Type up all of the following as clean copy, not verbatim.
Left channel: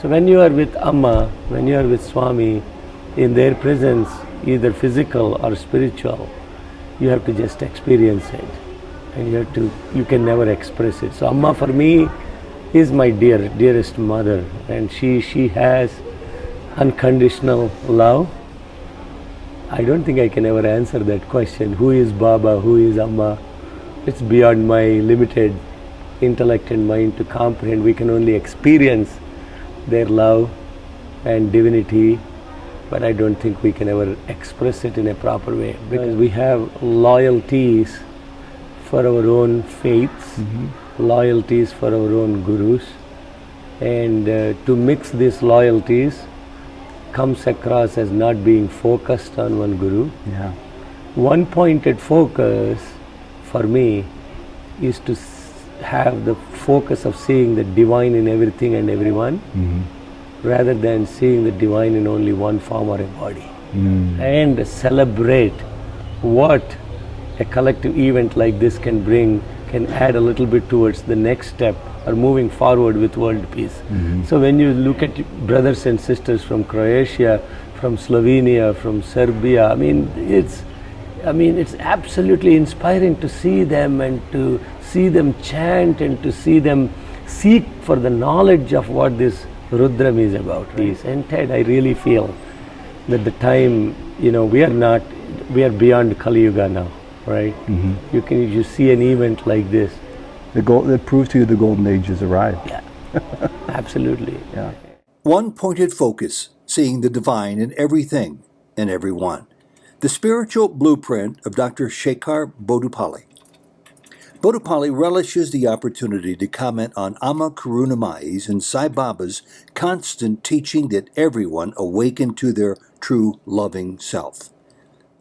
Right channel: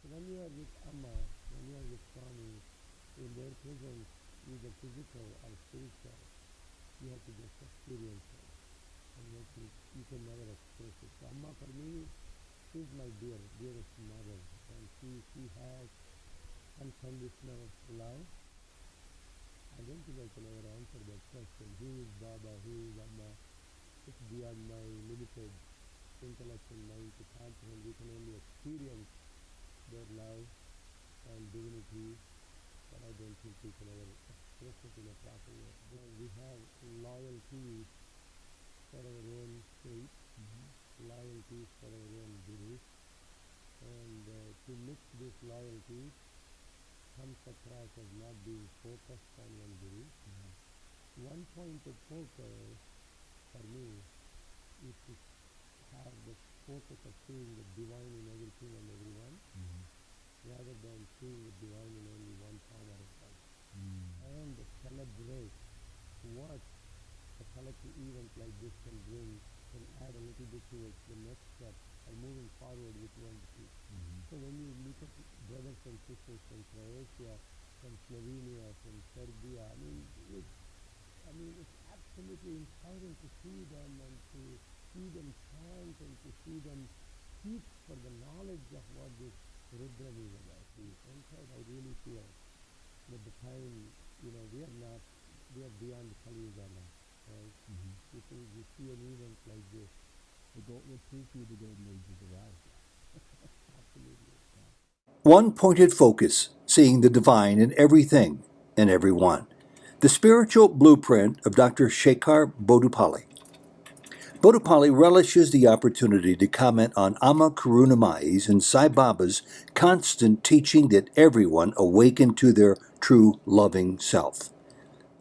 So when you are with Amma, when you are with Swami, in their presence, either physical or spiritual, you have to just experience it. And you can never express it. So Amma for me is my dearest mother, and she has unconditional love. I don't think I can ever answer that question. Who is Baba? Who is Amma? It's beyond my limited intellect and mind to comprehend. We can only experience their love and divinity, but I don't think we can ever express it in a proper way, because we have loyalties for our own faiths, loyalties for our own gurus, and to mix these loyalties comes across as not being focused on one guru. Yeah. One pointed focus for me is to have the focus of seeing the divine in everything and everyone, rather than seeing the divine in only one form or a body. And celebrate what a collective event like this can bring, can add a little bit towards the next step or moving forward with world peace. So when you look at brothers and sisters from Croatia, from Slovenia, from Serbia, I mean it's absolutely inspiring to see them and to see them chant and to see them seek for the knowledge of what this Rudram is about. And Ted, I really feel that the time, we are beyond Kali Yuga now, right? You see an event like this. That proves to you the golden age has arrived. Yeah, absolutely. Yeah. One pointed focus, seeing the divine in everything and everyone. The spiritual blueprint of Dr. Sehkar Boddupalli. Boddupalli relishes the opportunity to comment on Amma Karunamayi's and Sai Baba's constant teaching that everyone awaken to their true loving self.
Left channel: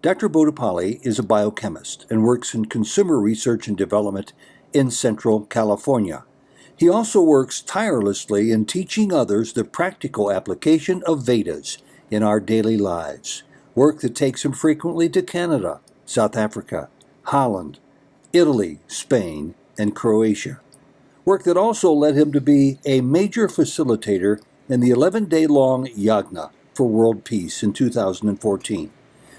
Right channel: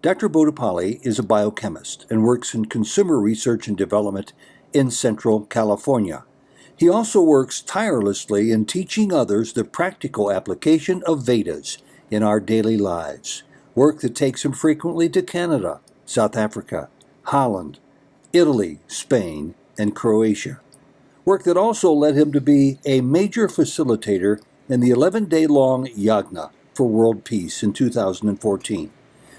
Dr. Boddupalli is a biochemist and works in consumer research and development in Central California. He also works tirelessly in teaching others the practical application of Vedas in our daily lives, work that takes him frequently to Canada, South Africa, Holland, Italy, Spain, and Croatia. Work that also led him to be a major facilitator in the 11-day-long Yagna for world peace in 2014,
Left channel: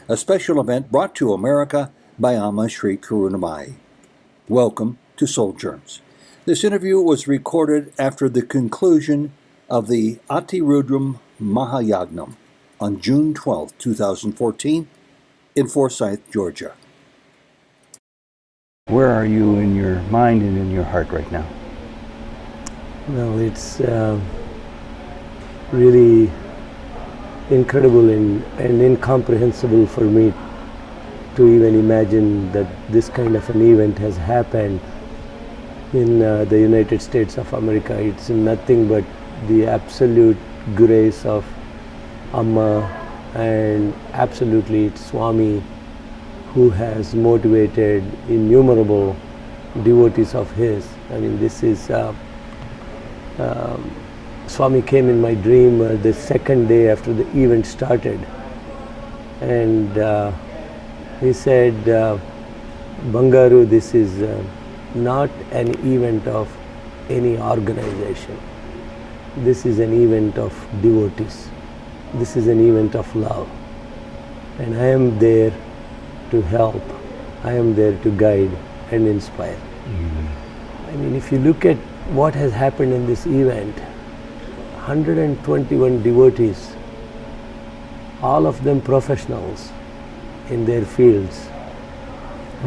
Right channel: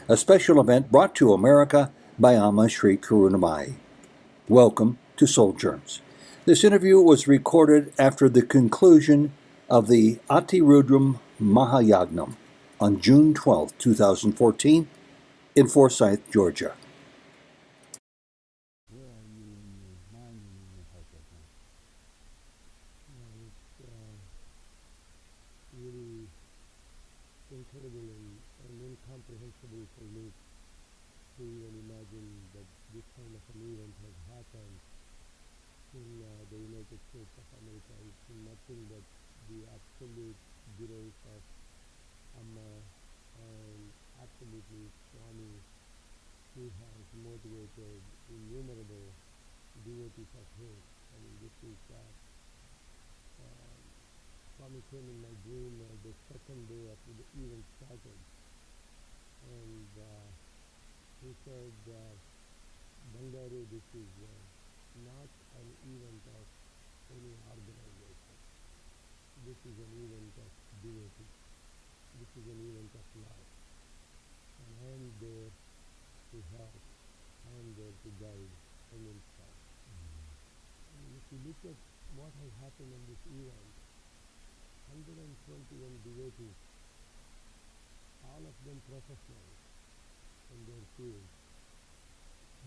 a special event brought to America by Amma Sri Karunamayi. Welcome to Souljourns. This interview was recorded after the conclusion of the Ati Rudram Maha Yagnam on June 12, 2014, in Forsyth, Georgia. Where are you in your mind and in your heart right now? Well, it's really incredible and incomprehensible for me to even imagine that this kind of an event has happened in the United States of America. It's nothing but the absolute grace of Amma, and absolutely it's Swami who has motivated innumerable devotees of his. I mean, this is Swami came in my dream the second day after the event started, and he said, Bangaru, this is not an event of any organization. This is an event of devotees. This is an event of love. And I am there to help. I am there to guide and inspire. I mean, if you look at what has happened in this event, 121 devotees, all of them professionals in their fields,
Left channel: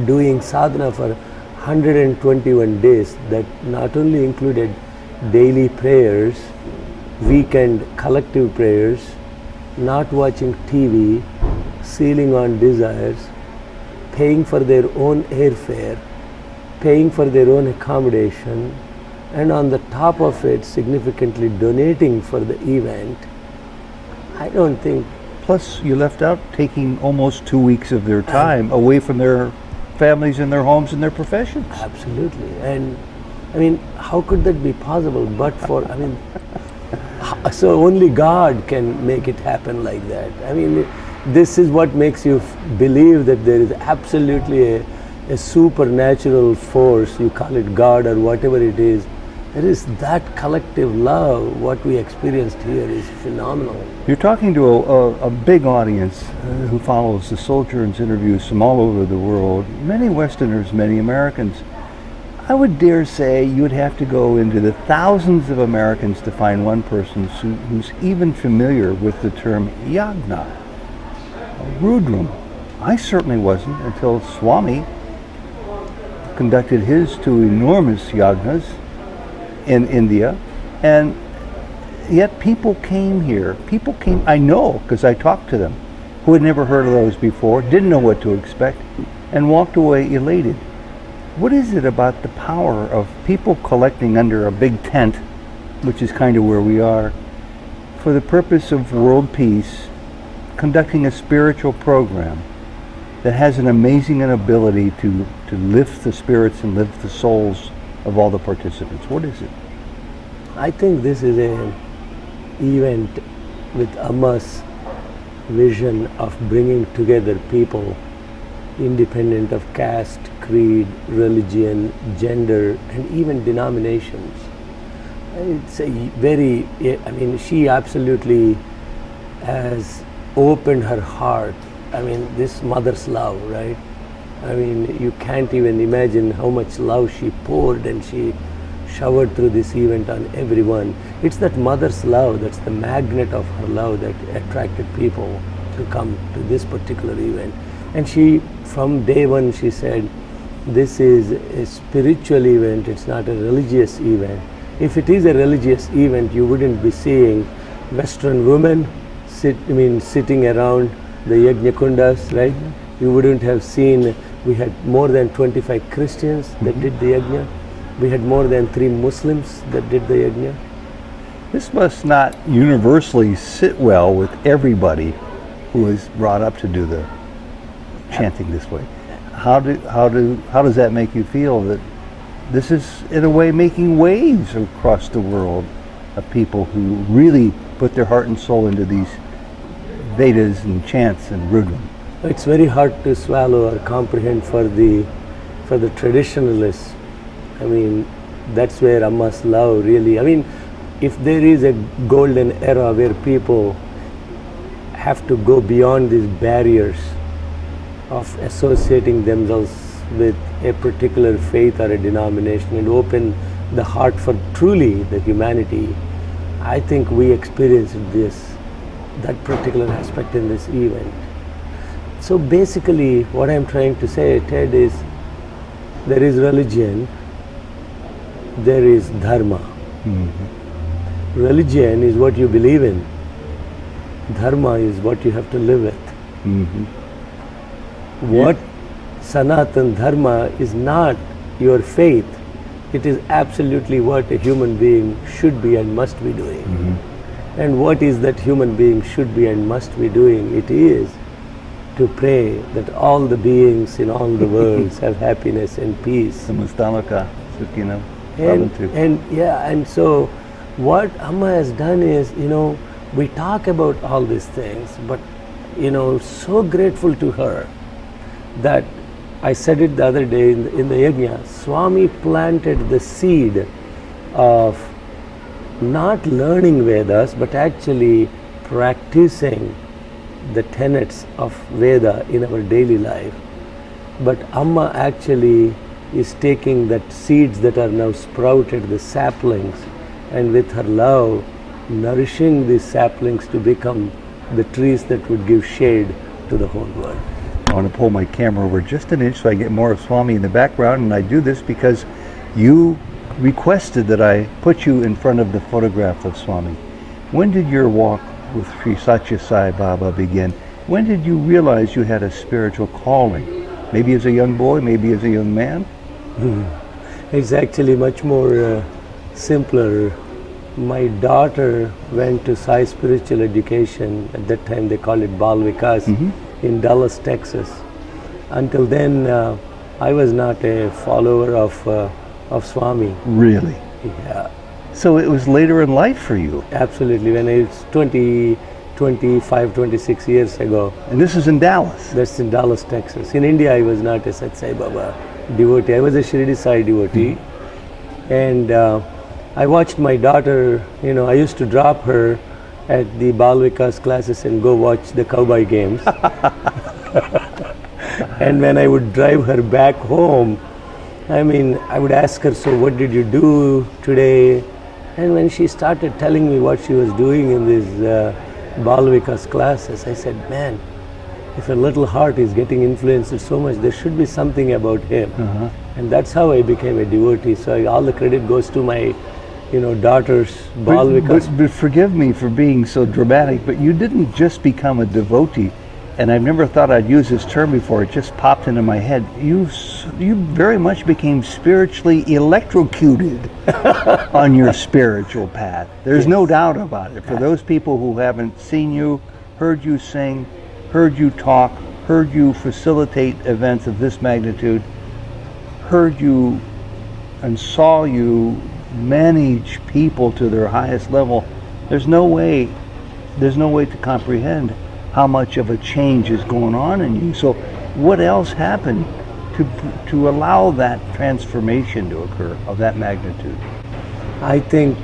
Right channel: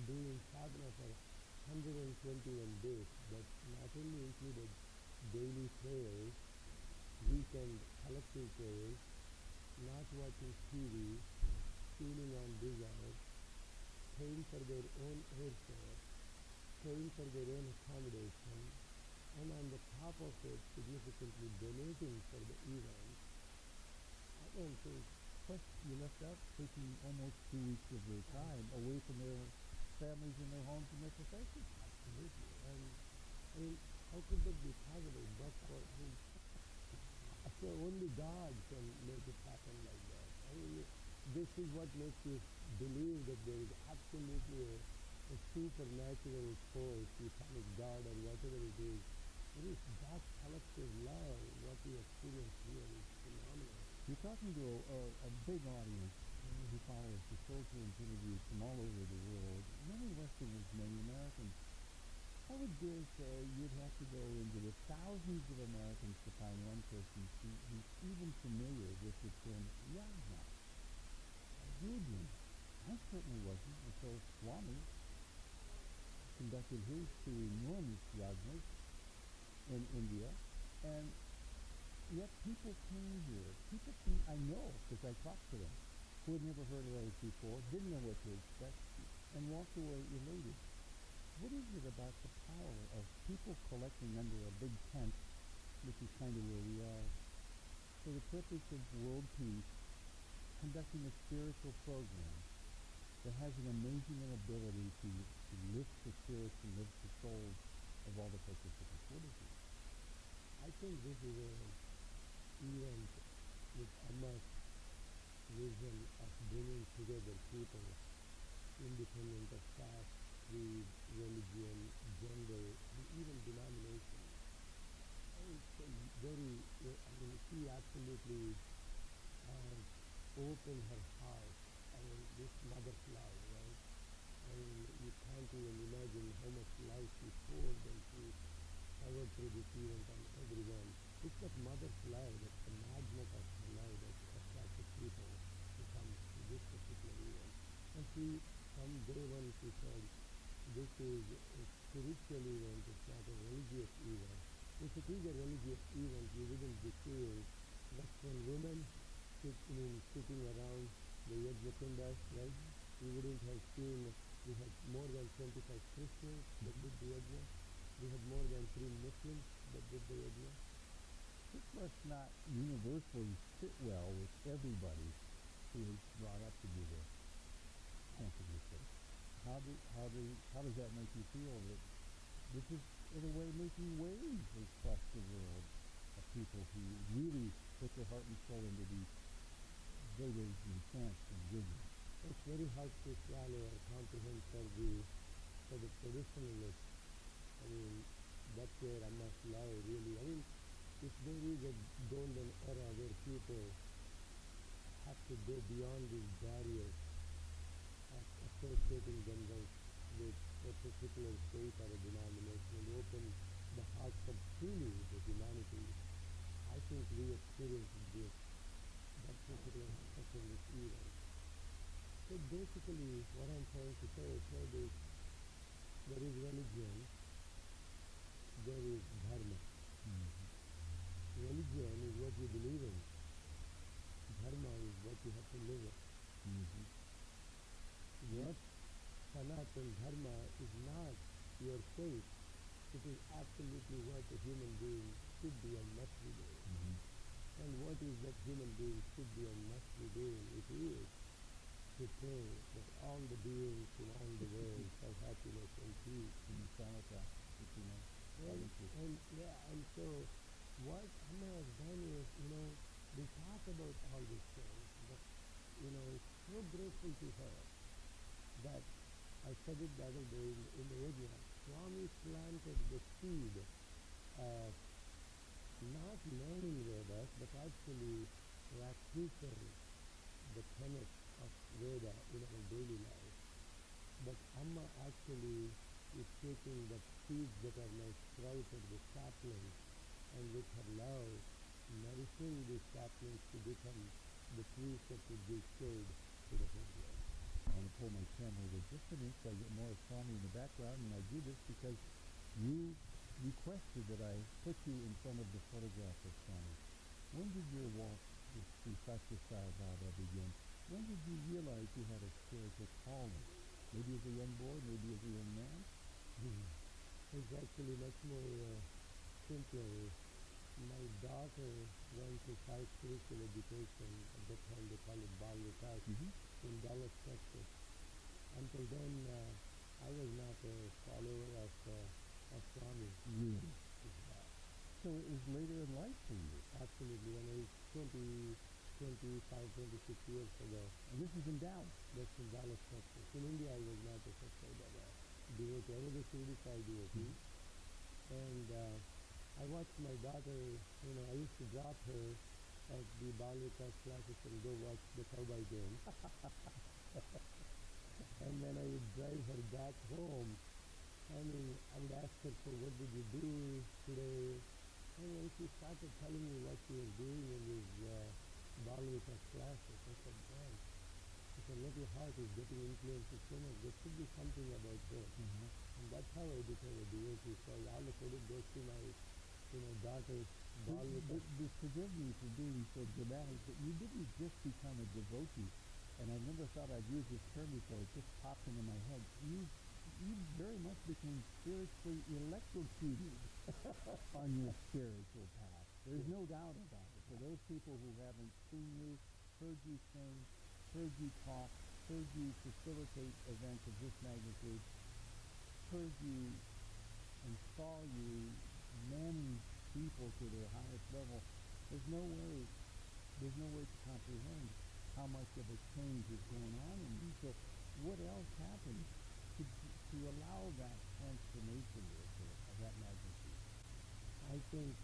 doing sadhana for 121 days, that not only included daily prayers, weekend collective prayers, not watching TV, sealing on desires, paying for their own airfare, paying for their own accommodation, and on the top of it, significantly donating for the event. I don't think... Plus, you left out taking almost 2 weeks of their time away from their families and their homes and their professions. Absolutely. And I mean, how could that be possible but for, I mean, so only God can make it happen like that. I mean, this is what makes you believe that there is absolutely a supernatural force, you call it God or whatever it is, There is that collective love. What we experienced here is phenomenal. You're talking to a big audience who follows the Souljourns interviews from all over the world, many Westerners, many Americans. I would dare say you would have to go into the thousands of Americans to find one person who's even familiar with the term Yagna, Rudram. I certainly wasn't until Swami conducted his two enormous yagnas in India, and yet people came here. People came, I know, because I talked to them, who had never heard of those before, didn't know what to expect, and walked away elated. What is it about the power of people collecting under a big tent, which is kind of where we are, for the purpose of world peace, conducting a spiritual program that has an amazing ability to lift the spirits and lift the souls of all the participants? What is it? I think this is an event with Amma's vision of bringing together people independent of caste, creed, religion, gender, and even denominations. It's a very, I mean, she absolutely has opened her heart. I mean, this mother's love, right? I mean, you can't even imagine how much love she poured and she showered through this event on everyone. It's that mother's love, that's the magnet of her love that attracted people to come to this particular event. And she, from day one, she said, this is a spiritual event, it's not a religious event. If it is a religious event, you wouldn't be seeing Western women sitting around the Yagna kundas, right? You wouldn't have seen, we had more than 25 Christians that did the Yagna. We had more than 3 Muslims that did the Yagna. This must not universally sit well with everybody who is brought up to do the chanting this way. How does that make you feel that this is in a way making waves across the world of people who really put their heart and soul into these Vedas and chants and Rudram? It's very hard to swallow or comprehend for the traditionalists. I mean, that's where Amma's love really, I mean, if there is a golden era where people have to go beyond these barriers of associating themselves with a particular faith or a denomination and open the heart for truly the humanity, I think we experienced that particular aspect in this event. So basically what I'm trying to say, Ted, is there is religion, there is dharma. Mm-hmm. Religion is what you believe in. Dharma is what you have to live with. Mm-hmm. What Sanatan Dharma is not your faith. It is absolutely what a human being should be and must be doing. Mm-hmm. And what is that human being should be and must be doing? It is to pray that all the beings in all the worlds have happiness and peace. And so what Amma has done is, we talk about all these things, but so grateful to her that I said it the other day in the Yagna, Swami planted the seed of not learning Vedas, but actually practicing the tenets of Veda in our daily life. But Amma actually is taking that seeds that are now sprouted, the saplings, and with her love, nourishing these saplings to become the trees that would give shade to the whole world. I want to pull my camera over just an inch so I get more of Swami in the background, and I do this because you requested that I put you in front of the photograph of Swami. When did your walk with Sri Satya Sai Baba begin? When did you realize you had a spiritual calling? Maybe as a young boy, maybe as a young man? It's actually much more simpler. My daughter went to Sai Spiritual Education. At that time they called it Bal Vikas. Mm-hmm. In Dallas, Texas. Until then, I was not a follower of Swami. Really? Yeah. So it was later in life for you? Absolutely. When I was 25, 26 years ago. And this is in Dallas? That's in Dallas, Texas. In India, I was not a Sat Sai Baba devotee. I was a Shirdi Sai devotee. Mm-hmm. And I watched my daughter, I used to drop her at the Bal Vikas classes and go watch the cowboy games. And when I would drive her back home, I would ask her, so what did you do today? And when she started telling me what she was doing in these Bal Vikas classes, I said, man, if a little heart is getting influenced so much, there should be something about him. And that's how I became a devotee. So all the credit goes to my, daughter's Bal Vikas. But forgive me for being so dramatic, but you didn't just become a devotee, and I've never thought I'd use this term before, it just popped into my head. You very much became spiritually electrocuted on your spiritual path. There's no doubt about it. For those people who haven't seen you, heard you sing, heard you talk, heard you facilitate events of this magnitude, heard you and saw you manage people to their highest level, there's no way to comprehend how much of a change is going on in you. So what else happened to allow that transformation to occur of that magnitude? I think,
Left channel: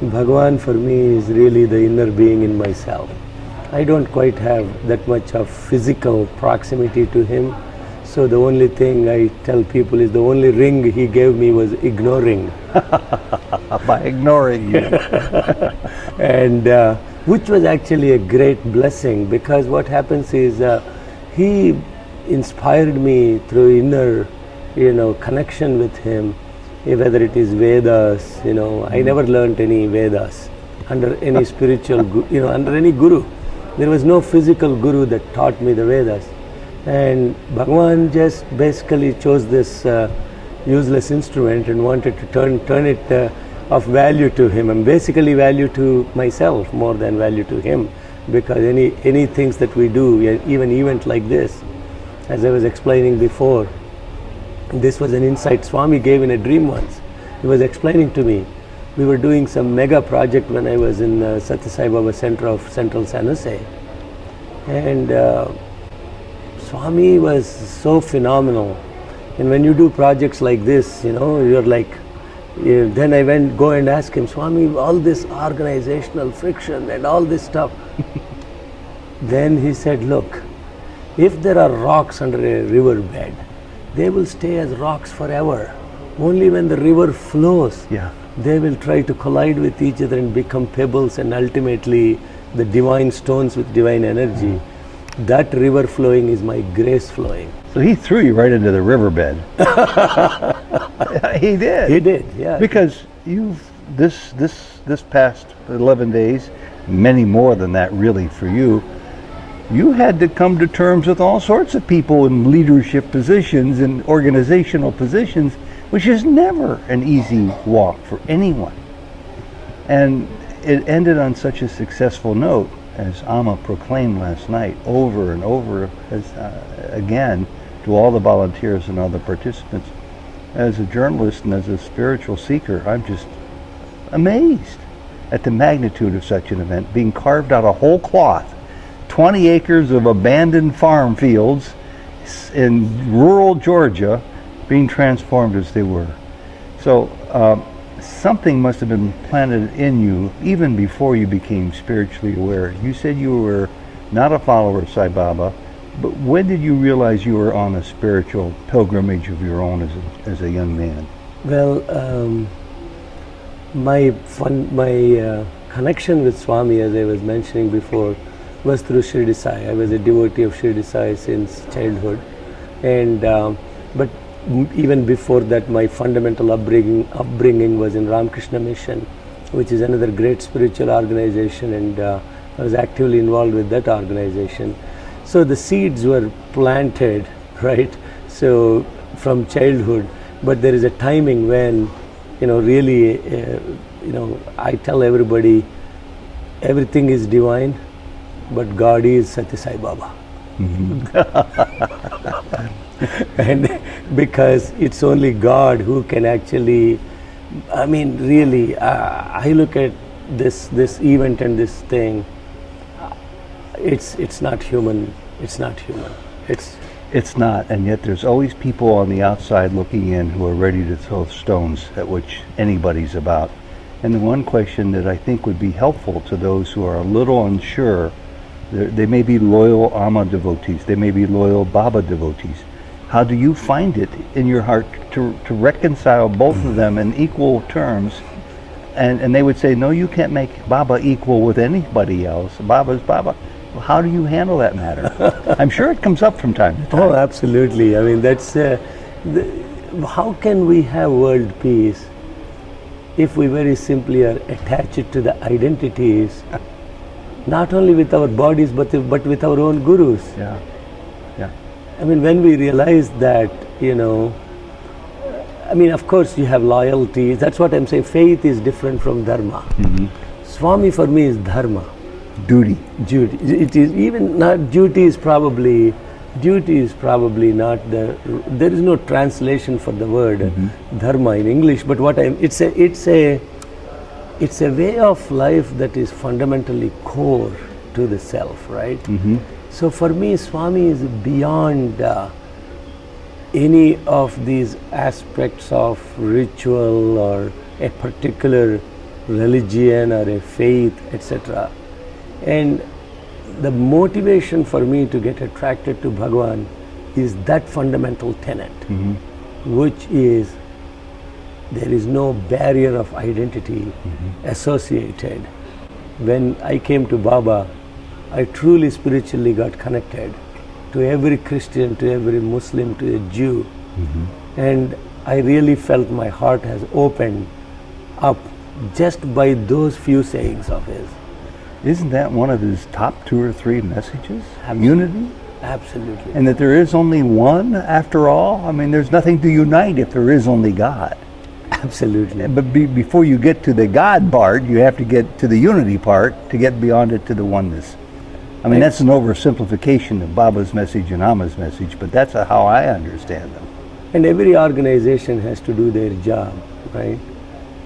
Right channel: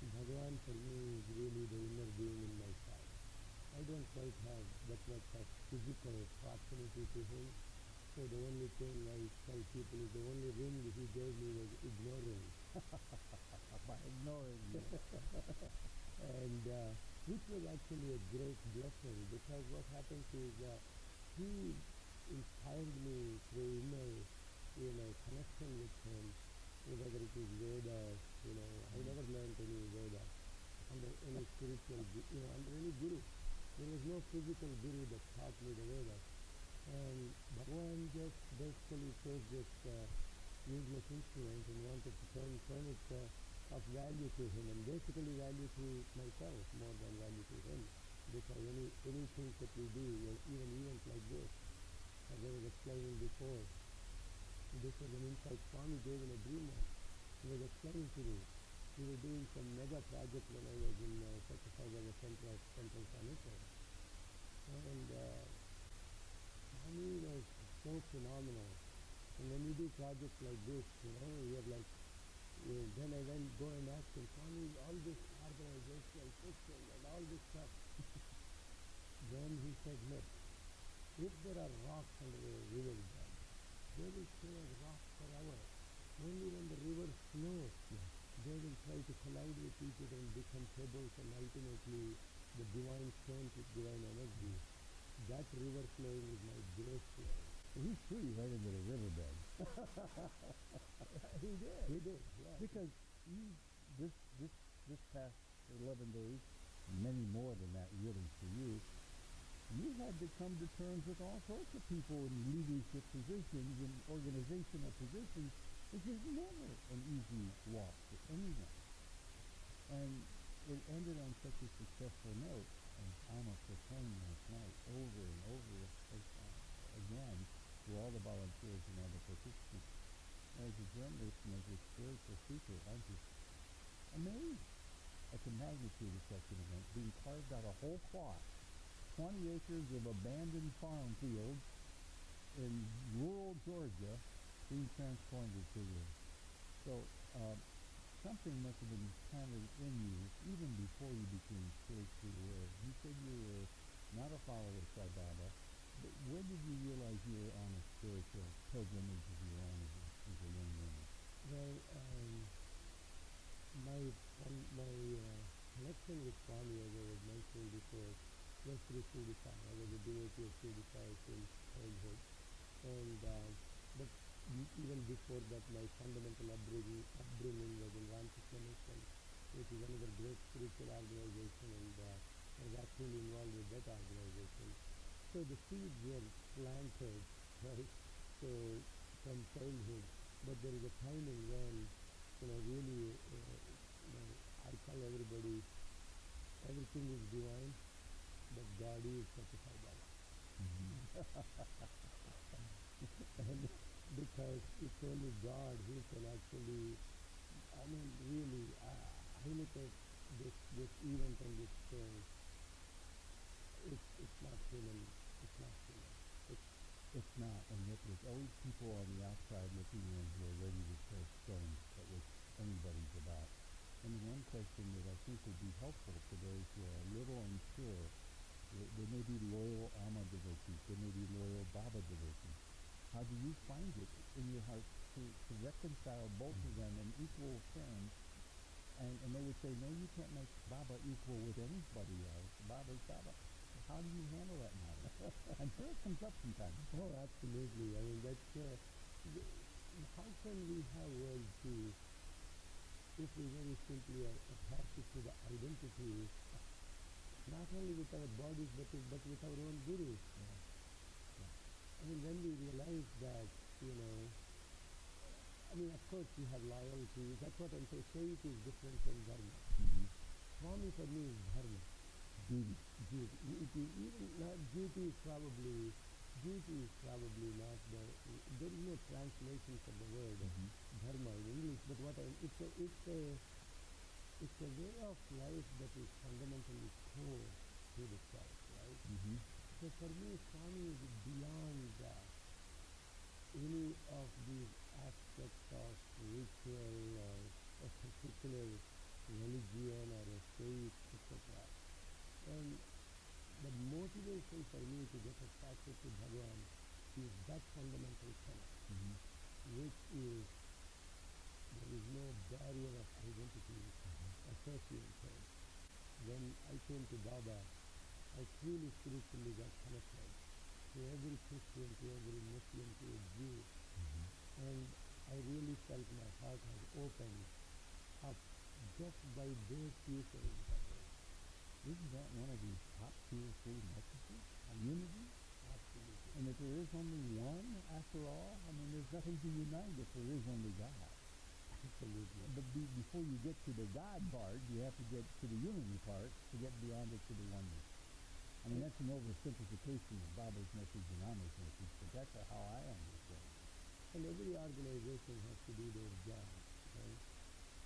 Bhagavan for me is really the inner being in myself. I don't quite have that much of physical proximity to him. So the only thing I tell people is the only ring he gave me was ignoring. By ignoring you. And which was actually a great blessing, because what happens is he inspired me through inner, connection with him, whether it is Vedas, I never learned any Vedas under any spiritual, under any guru. There was no physical guru that taught me the Vedas. And Bhagavan just basically chose this useless instrument and wanted to turn it of value to him, and basically value to myself more than value to him, because any things that we do, even event like this, as I was explaining before, this was an insight Swami gave in a dream once. He was explaining to me, we were doing some mega project when I was in Satya Sai Baba Center of Central San Jose, and Swami was so phenomenal. And when you do projects like this, you're like, then I go and ask him, Swami, all this organizational friction and all this stuff. Then he said, look, if there are rocks under a river bed, they will stay as rocks forever. Only when the river flows, they will try to collide with each other and become pebbles, and ultimately the divine stones with divine energy. That river flowing is my grace flowing. So he threw you right into the riverbed. He did. He did, yeah. Because you've this past 11 days, many more than that really for you, you had to come to terms with all sorts of people in leadership positions and organizational positions, which is never an easy walk for anyone. And it ended on such a successful note, as Amma proclaimed last night, over and over again to all the volunteers and all the participants. As a journalist and as a spiritual seeker, I'm just amazed at the magnitude of such an event being carved out of whole cloth. 20 acres of abandoned farm fields in rural Georgia being transformed as they were. So something must have been planted in you even before you became spiritually aware. You said you were not a follower of Sai Baba, but when did you realize you were on a spiritual pilgrimage of your own as a young man? Well, my connection with Swami, as I was mentioning before, was through Shirdi Sai. I was a devotee of Shirdi Sai since childhood, and but even before that, my fundamental upbringing was in Ramakrishna Mission, which is another great spiritual organization, and I was actively involved with that organization. So the seeds were planted, right? So from childhood, but there is a timing when, really, I tell everybody, everything is divine, but God is Satya Sai Baba. And because it's only God who can actually, really, I look at this event and this thing, it's not human. It's not human. It's not, and yet there's always people on the outside looking in who are ready to throw stones at which anybody's about. And the one question that I think would be helpful to those who are a little unsure, they may be loyal Amma devotees, they may be loyal Baba devotees. How do you find it in your heart to reconcile both of them in equal terms? And they would say, no, you can't make Baba equal with anybody else. Baba's Baba. Well, how do you handle that matter? I'm sure it comes up from time to time. Oh, absolutely. I mean, that's how can we have world peace if we very simply are attached to the identities, not only with our bodies but with our own gurus? Yeah, yeah. I mean, when we realize that, you know, I mean, of course you have loyalties. That's what I'm saying. Faith is different from dharma. Mm-hmm. Swami for me is dharma. Duty. Duty. It is even not duty is probably not there is no translation for the word dharma in English, but it's a way of life that is fundamentally core to the self, right? Mm-hmm. So for me, Swami is beyond any of these aspects of ritual or a particular religion or a faith, etc. And the motivation for me to get attracted to Bhagavan is that fundamental tenet, which is there is no barrier of identity associated. When I came to Baba, I truly spiritually got connected to every Christian, to every Muslim, to a Jew. And I really felt my heart has opened up just by those few sayings of his. Isn't that one of his top 2 or 3 messages? Absolutely. Unity? Absolutely. And that there is only one after all? I mean, there's nothing to unite if there is only God. Absolutely. But before you get to the God part, you have to get to the unity part to get beyond it to the oneness. I mean, that's an oversimplification of Baba's message and Amma's message, but that's how I understand them. And every organization has to do their job, right?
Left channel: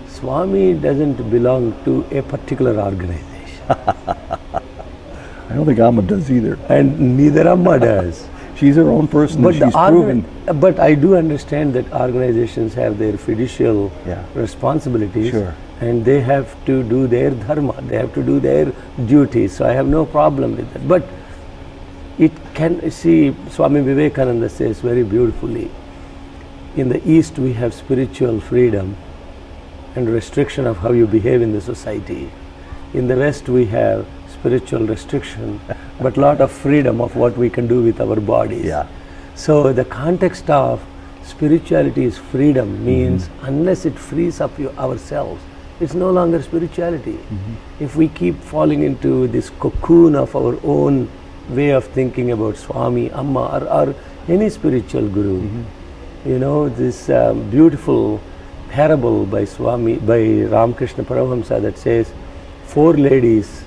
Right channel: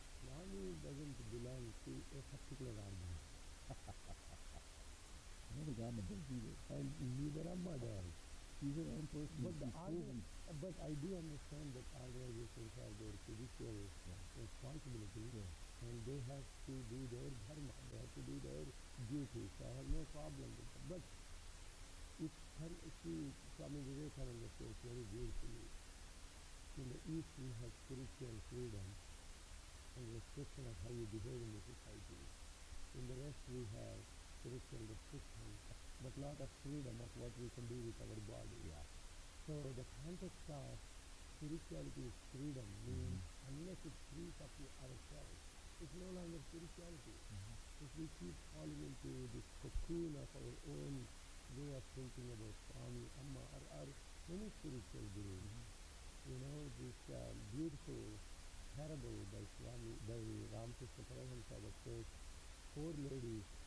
Swami doesn't belong to a particular organization. I don't think Amma does either. And neither Amma does. She's her own person, and she's proven. But I do understand that organizations have their fiducial responsibilities. Sure. And they have to do their dharma, they have to do their duties. So I have no problem with that. But it can, see, Swami Vivekananda says very beautifully, in the East we have spiritual freedom and restriction of how you behave in the society. In the West we have spiritual restriction, but lot of freedom of what we can do with our bodies. Yeah. So the context of spirituality is freedom means unless it frees up ourselves, it's no longer spirituality. If we keep falling into this cocoon of our own way of thinking about Swami, Amma, or any spiritual guru, you know, this beautiful parable by Ramakrishna Paramahamsa that says 4 ladies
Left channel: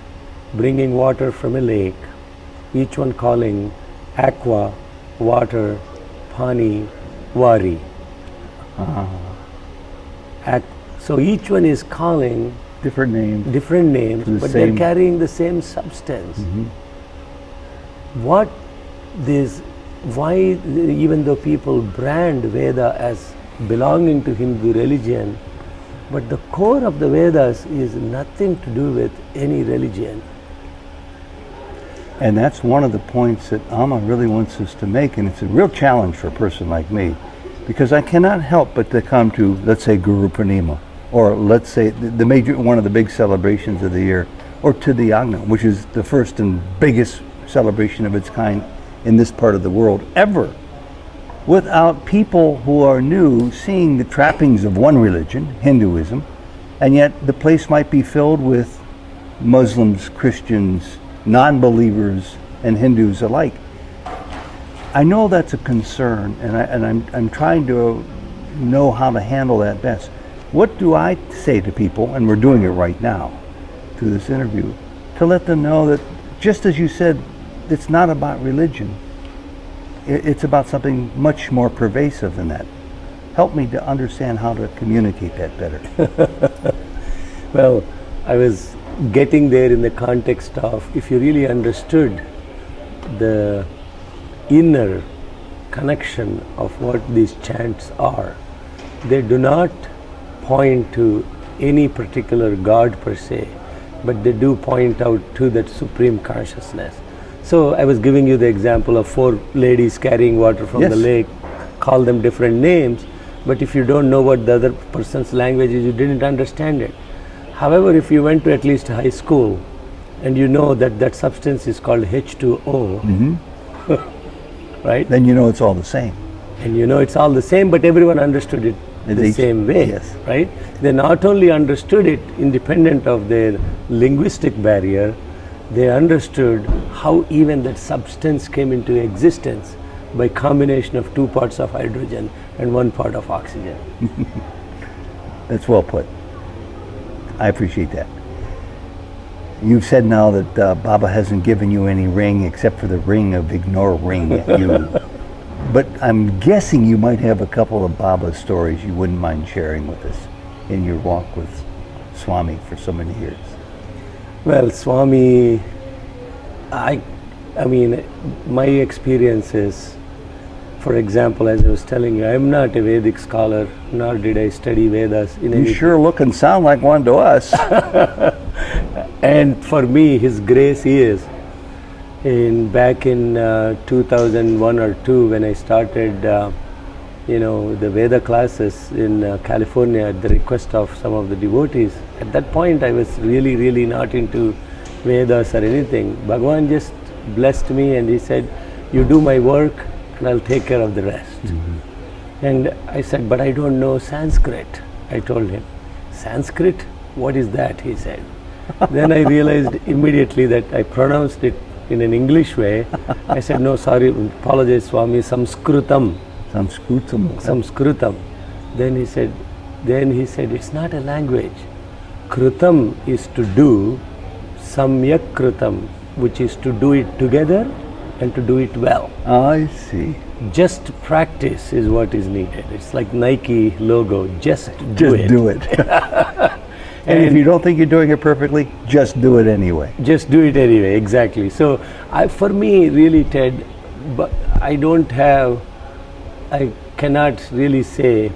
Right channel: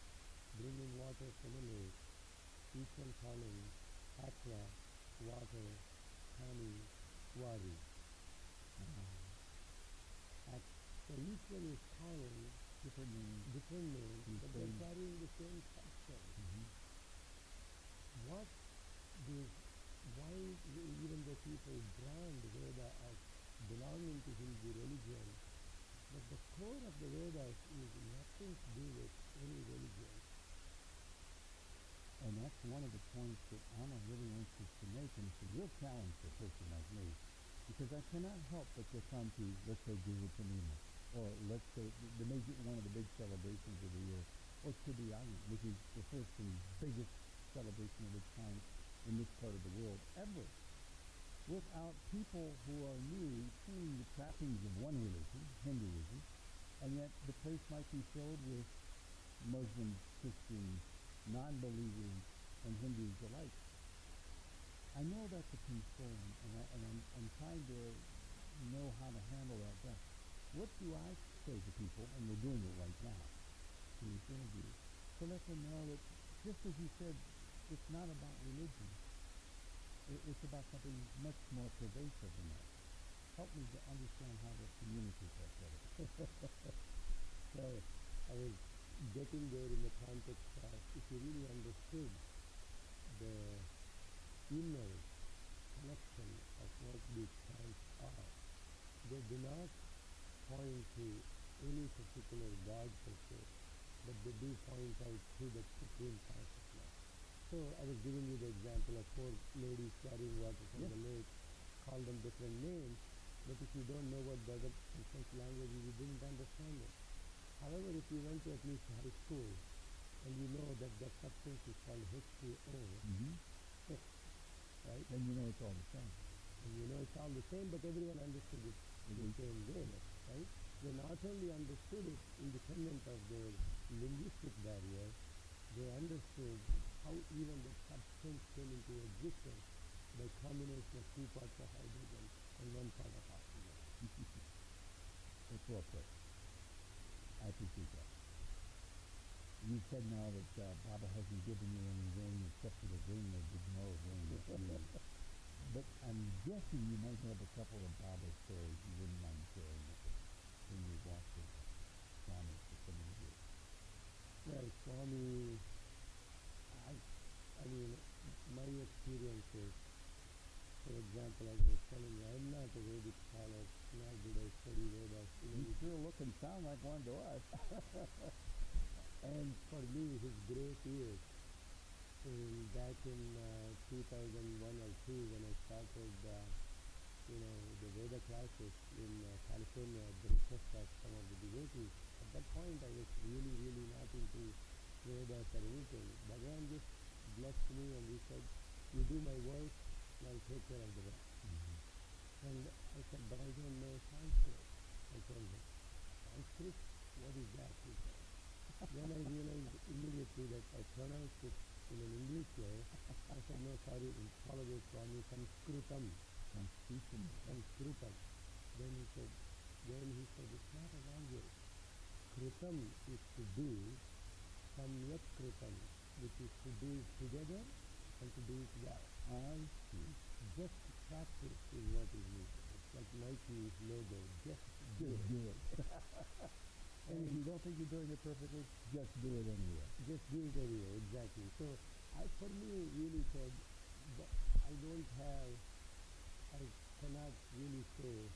bringing water from a lake, each one calling aqua, water, pani, vari. So each one is calling Different names. but they're carrying the same substance. Why, even though people brand Veda as belonging to Hindu religion, but the core of the Vedas is nothing to do with any religion. And that's one of the points that Amma really wants us to make, and it's a real challenge for a person like me, because I cannot help but to come to, let's say, Guru Purnima, or let's say one of the big celebrations of the year, or to the Yagna, which is the first and biggest celebration of its kind in this part of the world ever, without people who are new seeing the trappings of one religion, Hinduism, and yet the place might be filled with Muslims, Christians, non-believers, and Hindus alike. I know that's a concern, and I'm trying to know how to handle that best. What do I say to people, and we're doing it right now through this interview, to let them know that, just as you said, it's not about religion. It's about something much more pervasive than that. Help me to understand how to communicate that better. Well, I was getting there in the context of, if you really understood the inner connection of what these chants are. They do not point to any particular God per se, but they do point out to that supreme consciousness. So I was giving you the example of 4 ladies carrying water from the lake, call them different names, but if you don't know what the other person's language is, you didn't understand it. However, if you went to at least high school and you know that that substance is called H2O, right? Then you know it's all the same. And you know it's all the same, but everyone understood it the same way, right? They not only understood it independent of their linguistic barrier, they understood how even that substance came into existence by combination of 2 parts of hydrogen and 1 part of oxygen. That's well put. I appreciate that. You've said now that Baba hasn't given you any ring except for the ring of ignoring you. But I'm guessing you might have a couple of Baba stories you wouldn't mind sharing with us in your walk with Swami for so many years. Well, Swami, I mean, my experiences, for example, as I was telling you, I'm not a Vedic scholar, nor did I study Vedas. You sure look and sound like one to us. And for me, His grace is, back in 2001 or 2, when I started, the Veda classes in California at the request of some of the devotees. At that point, I was really, really not into Vedas or anything. Bhagavan just blessed me and he said, you do my work and I'll take care of the rest. And I said, but I don't know Sanskrit. I told him, Sanskrit? What is that? He said. Then I realized immediately that I pronounced it in an English way. I said, no, sorry, apologize, Swami, Samskritam. Samskritam. Then he said, it's not a language. Kritam is to do, samyak kritam, which is to do it together and to do it well. I see. Just practice is what is needed. It's like Nike logo, just do it. And if you don't think you're doing it perfectly, just do it anyway. Just do it anyway, exactly. So for me, really, Ted, but I cannot really say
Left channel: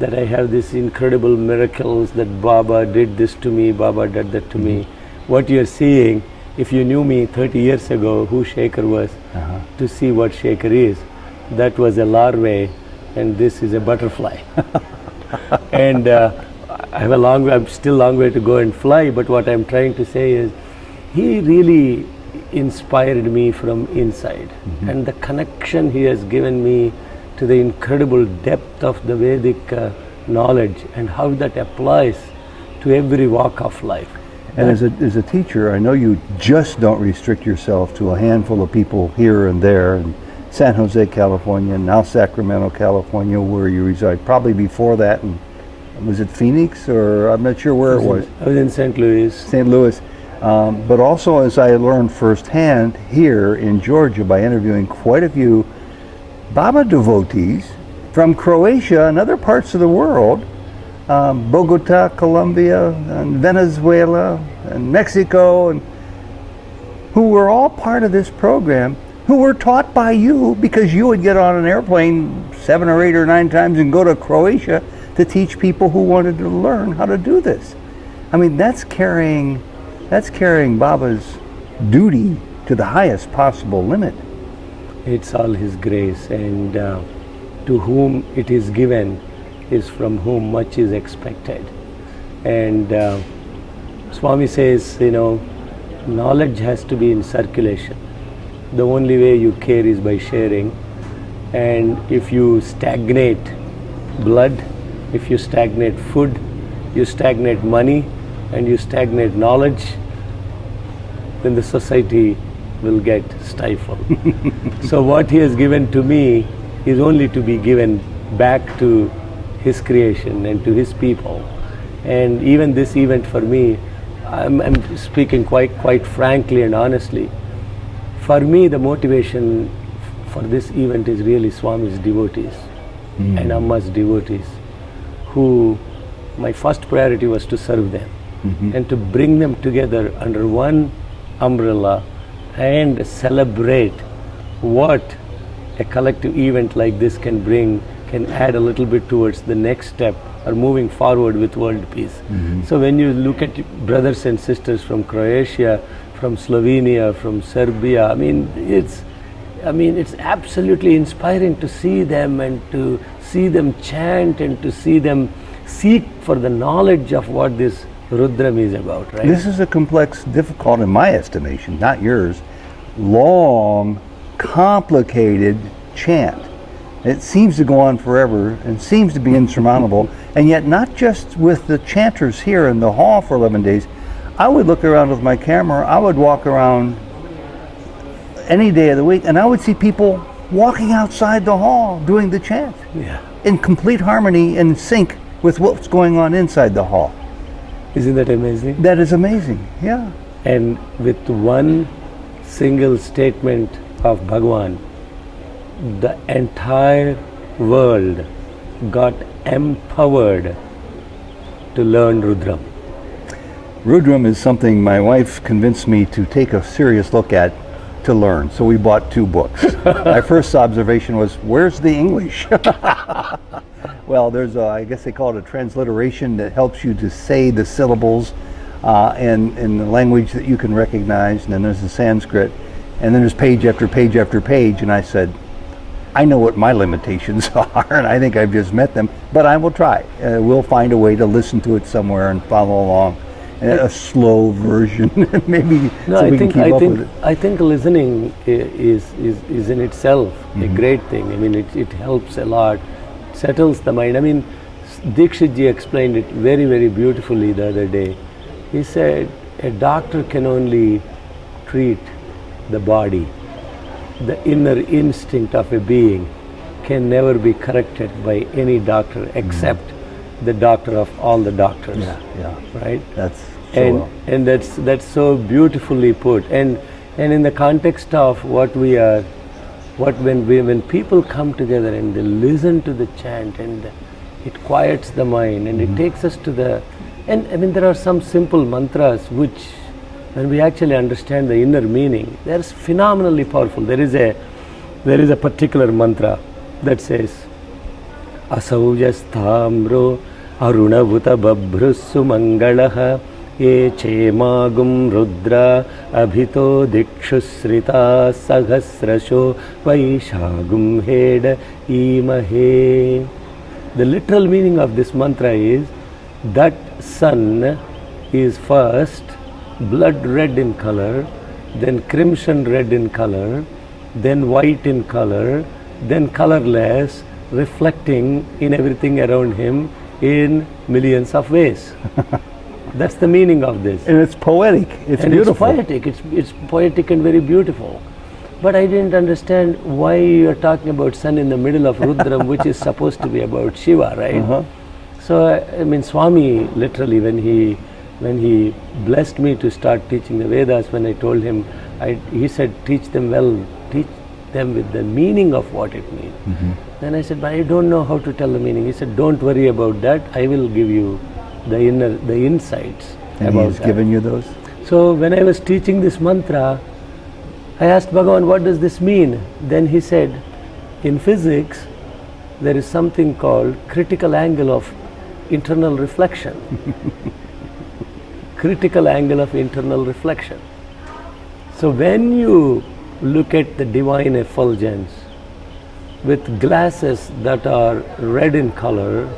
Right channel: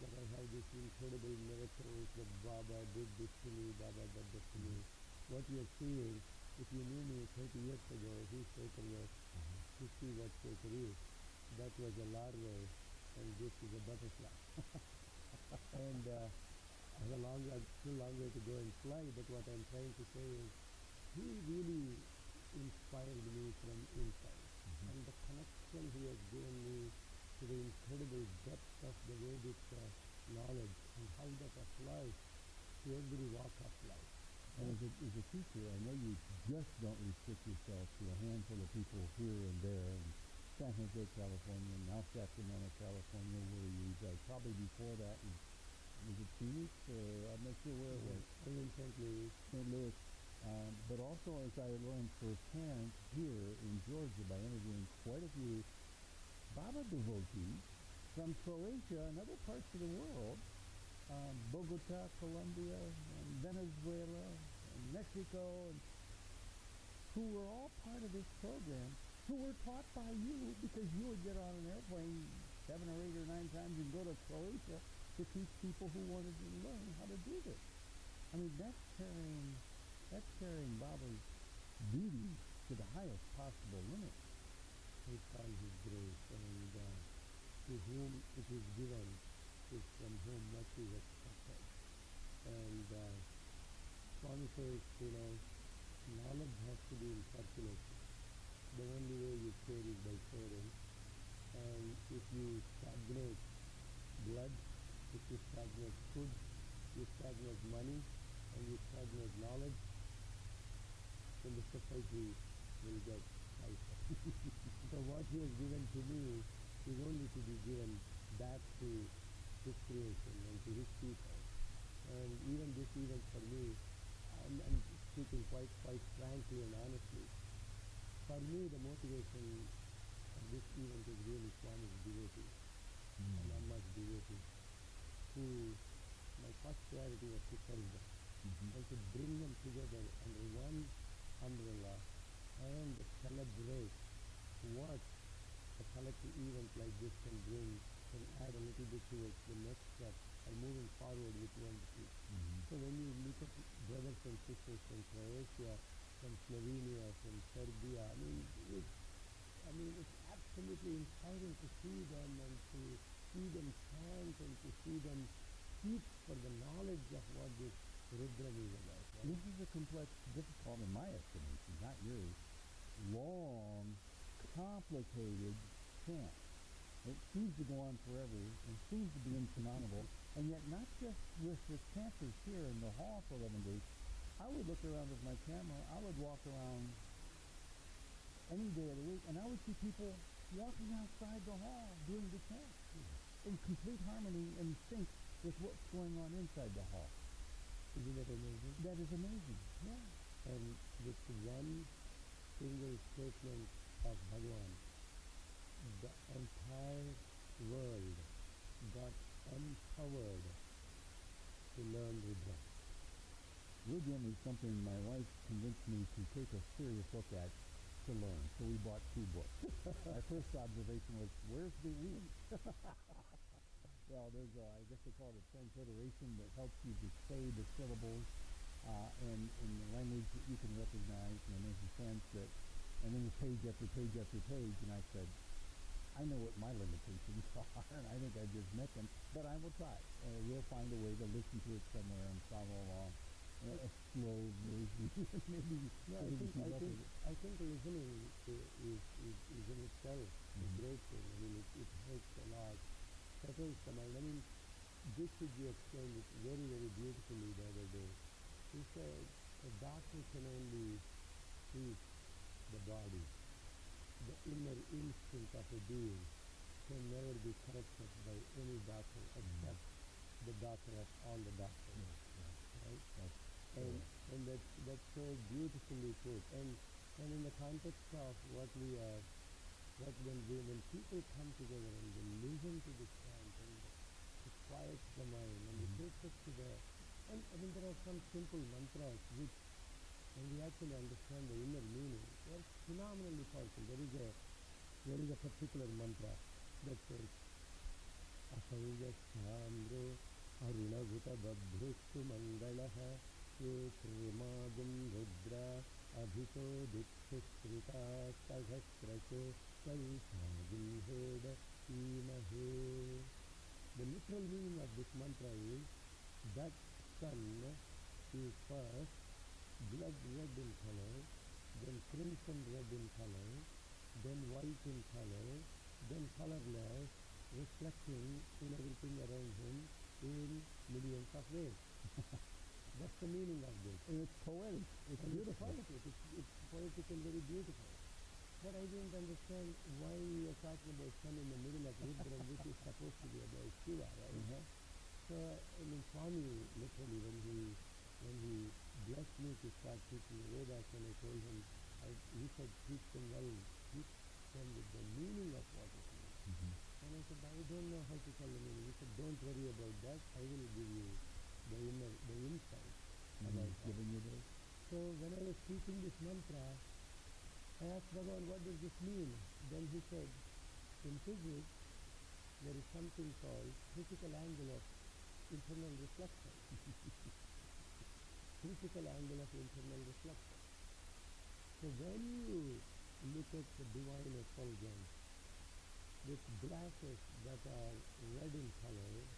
that I have these incredible miracles that Baba did this to me, Baba did that to me. What you're seeing, if you knew me 30 years ago, who Shekhar was, to see what Shekhar is, that was a larvae and this is a butterfly. And I'm still a long way to go and fly, but what I'm trying to say is, he really inspired me from inside. And the connection he has given me to the incredible depth of the Vedic knowledge and how that applies to every walk of life. And as a teacher, I know you just don't restrict yourself to a handful of people here and there in San Jose, California, now Sacramento, California, where you reside. Probably before that, and was it Phoenix, or I'm not sure where it was. I was in St. Louis. St. Louis. But also, as I learned firsthand here in Georgia by interviewing quite a few Baba devotees from Croatia and other parts of the world, Bogota, Colombia, and Venezuela, and Mexico, and who were all part of this program, who were taught by you because you would get on an airplane 7 or 8 or 9 times and go to Croatia to teach people who wanted to learn how to do this. I mean, that's carrying Baba's duty to the highest possible limit. It's all His grace, and to whom it is given is from whom much is expected. And Swami says, knowledge has to be in circulation. The only way you care is by sharing. And if you stagnate blood, if you stagnate food, you stagnate money, and you stagnate knowledge, then the society will get stifled. So what He has given to me is only to be given back to His creation and to His people. And even this event for me, I'm speaking quite frankly and honestly, for me the motivation for this event is really Swami's devotees and Amma's devotees, who my first priority was to serve them and to bring them together under one umbrella and celebrate what a collective event like this can add a little bit towards the next step or moving forward with world peace. So when you look at brothers and sisters from Croatia, from Slovenia, from Serbia, I mean it's absolutely inspiring to see them and to see them chant and to see them seek for the knowledge of what this Rudram is about, right? This is a complex, difficult, in my estimation, not yours, long, complicated chant. It seems to go on forever and seems to be insurmountable, and yet not just with the chanters here in the hall for 11 days. I would look around with my camera, I would walk around any day of the week, and I would see people walking outside the hall doing the chant. Yeah. In complete harmony and sync with what's going on inside the hall. Isn't that amazing? That is amazing, yeah. And with one single statement of Bhagwan, the entire world got empowered to learn Rudram. Rudram is something my wife convinced me to take a serious look at to learn, so we bought 2 books. My first observation was, where's the English? Well, there's I guess they call it a transliteration that helps you to say the syllables in the language that you can recognize, and then there's the Sanskrit, and then there's page after page after page, and I said, I know what my limitations are, and I think I've just met them, but I will try. We'll find a way to listen to it somewhere and follow along. A slow version, maybe, No, so we can keep up with it. I think listening is in itself a great thing. I mean, it helps a lot, settles the mind. I mean, Dikshit ji explained it very, very beautifully the other day. He said, a doctor can only treat the body. The inner instinct of a being can never be corrected by any doctor except the doctor of all the doctors. Yeah. Right? That's so and that's so beautifully put. And in the context of what we are, when people come together and they listen to the chant, and it quiets the mind, and it takes us to the, and I mean there are some simple mantras which, when we actually understand the inner meaning, they're phenomenally powerful. There is a particular mantra that says, Asaujasthamro Arunavuta Babhrusu Mangalaha Ye Chemagum Rudra Abhito Dikshusrita Sahasrasho Vaishagum Heda Imahe. The literal meaning of this mantra is that sun is first blood red in color, then crimson red in color, then white in color, then colorless, reflecting in everything around him in millions of ways. That's the meaning of this. And it's poetic. It's and beautiful. It's poetic. It's poetic and very beautiful. But I didn't understand why you're talking about sun in the middle of Rudram, which is supposed to be about Shiva, right? So I mean, Swami literally, when he blessed me to start teaching the Vedas, when I told him, he said, teach them well, teach them with the meaning of what it means. Then I said, but I don't know how to tell the meaning. He said, don't worry about that. I will give you the insights about he's that. given you those? So when I was teaching this mantra, I asked Bhagavan, what does this mean? Then he said, in physics, there is something called critical angle of internal reflection. Critical angle of internal reflection. So when you look at the divine effulgence with glasses that are red in color,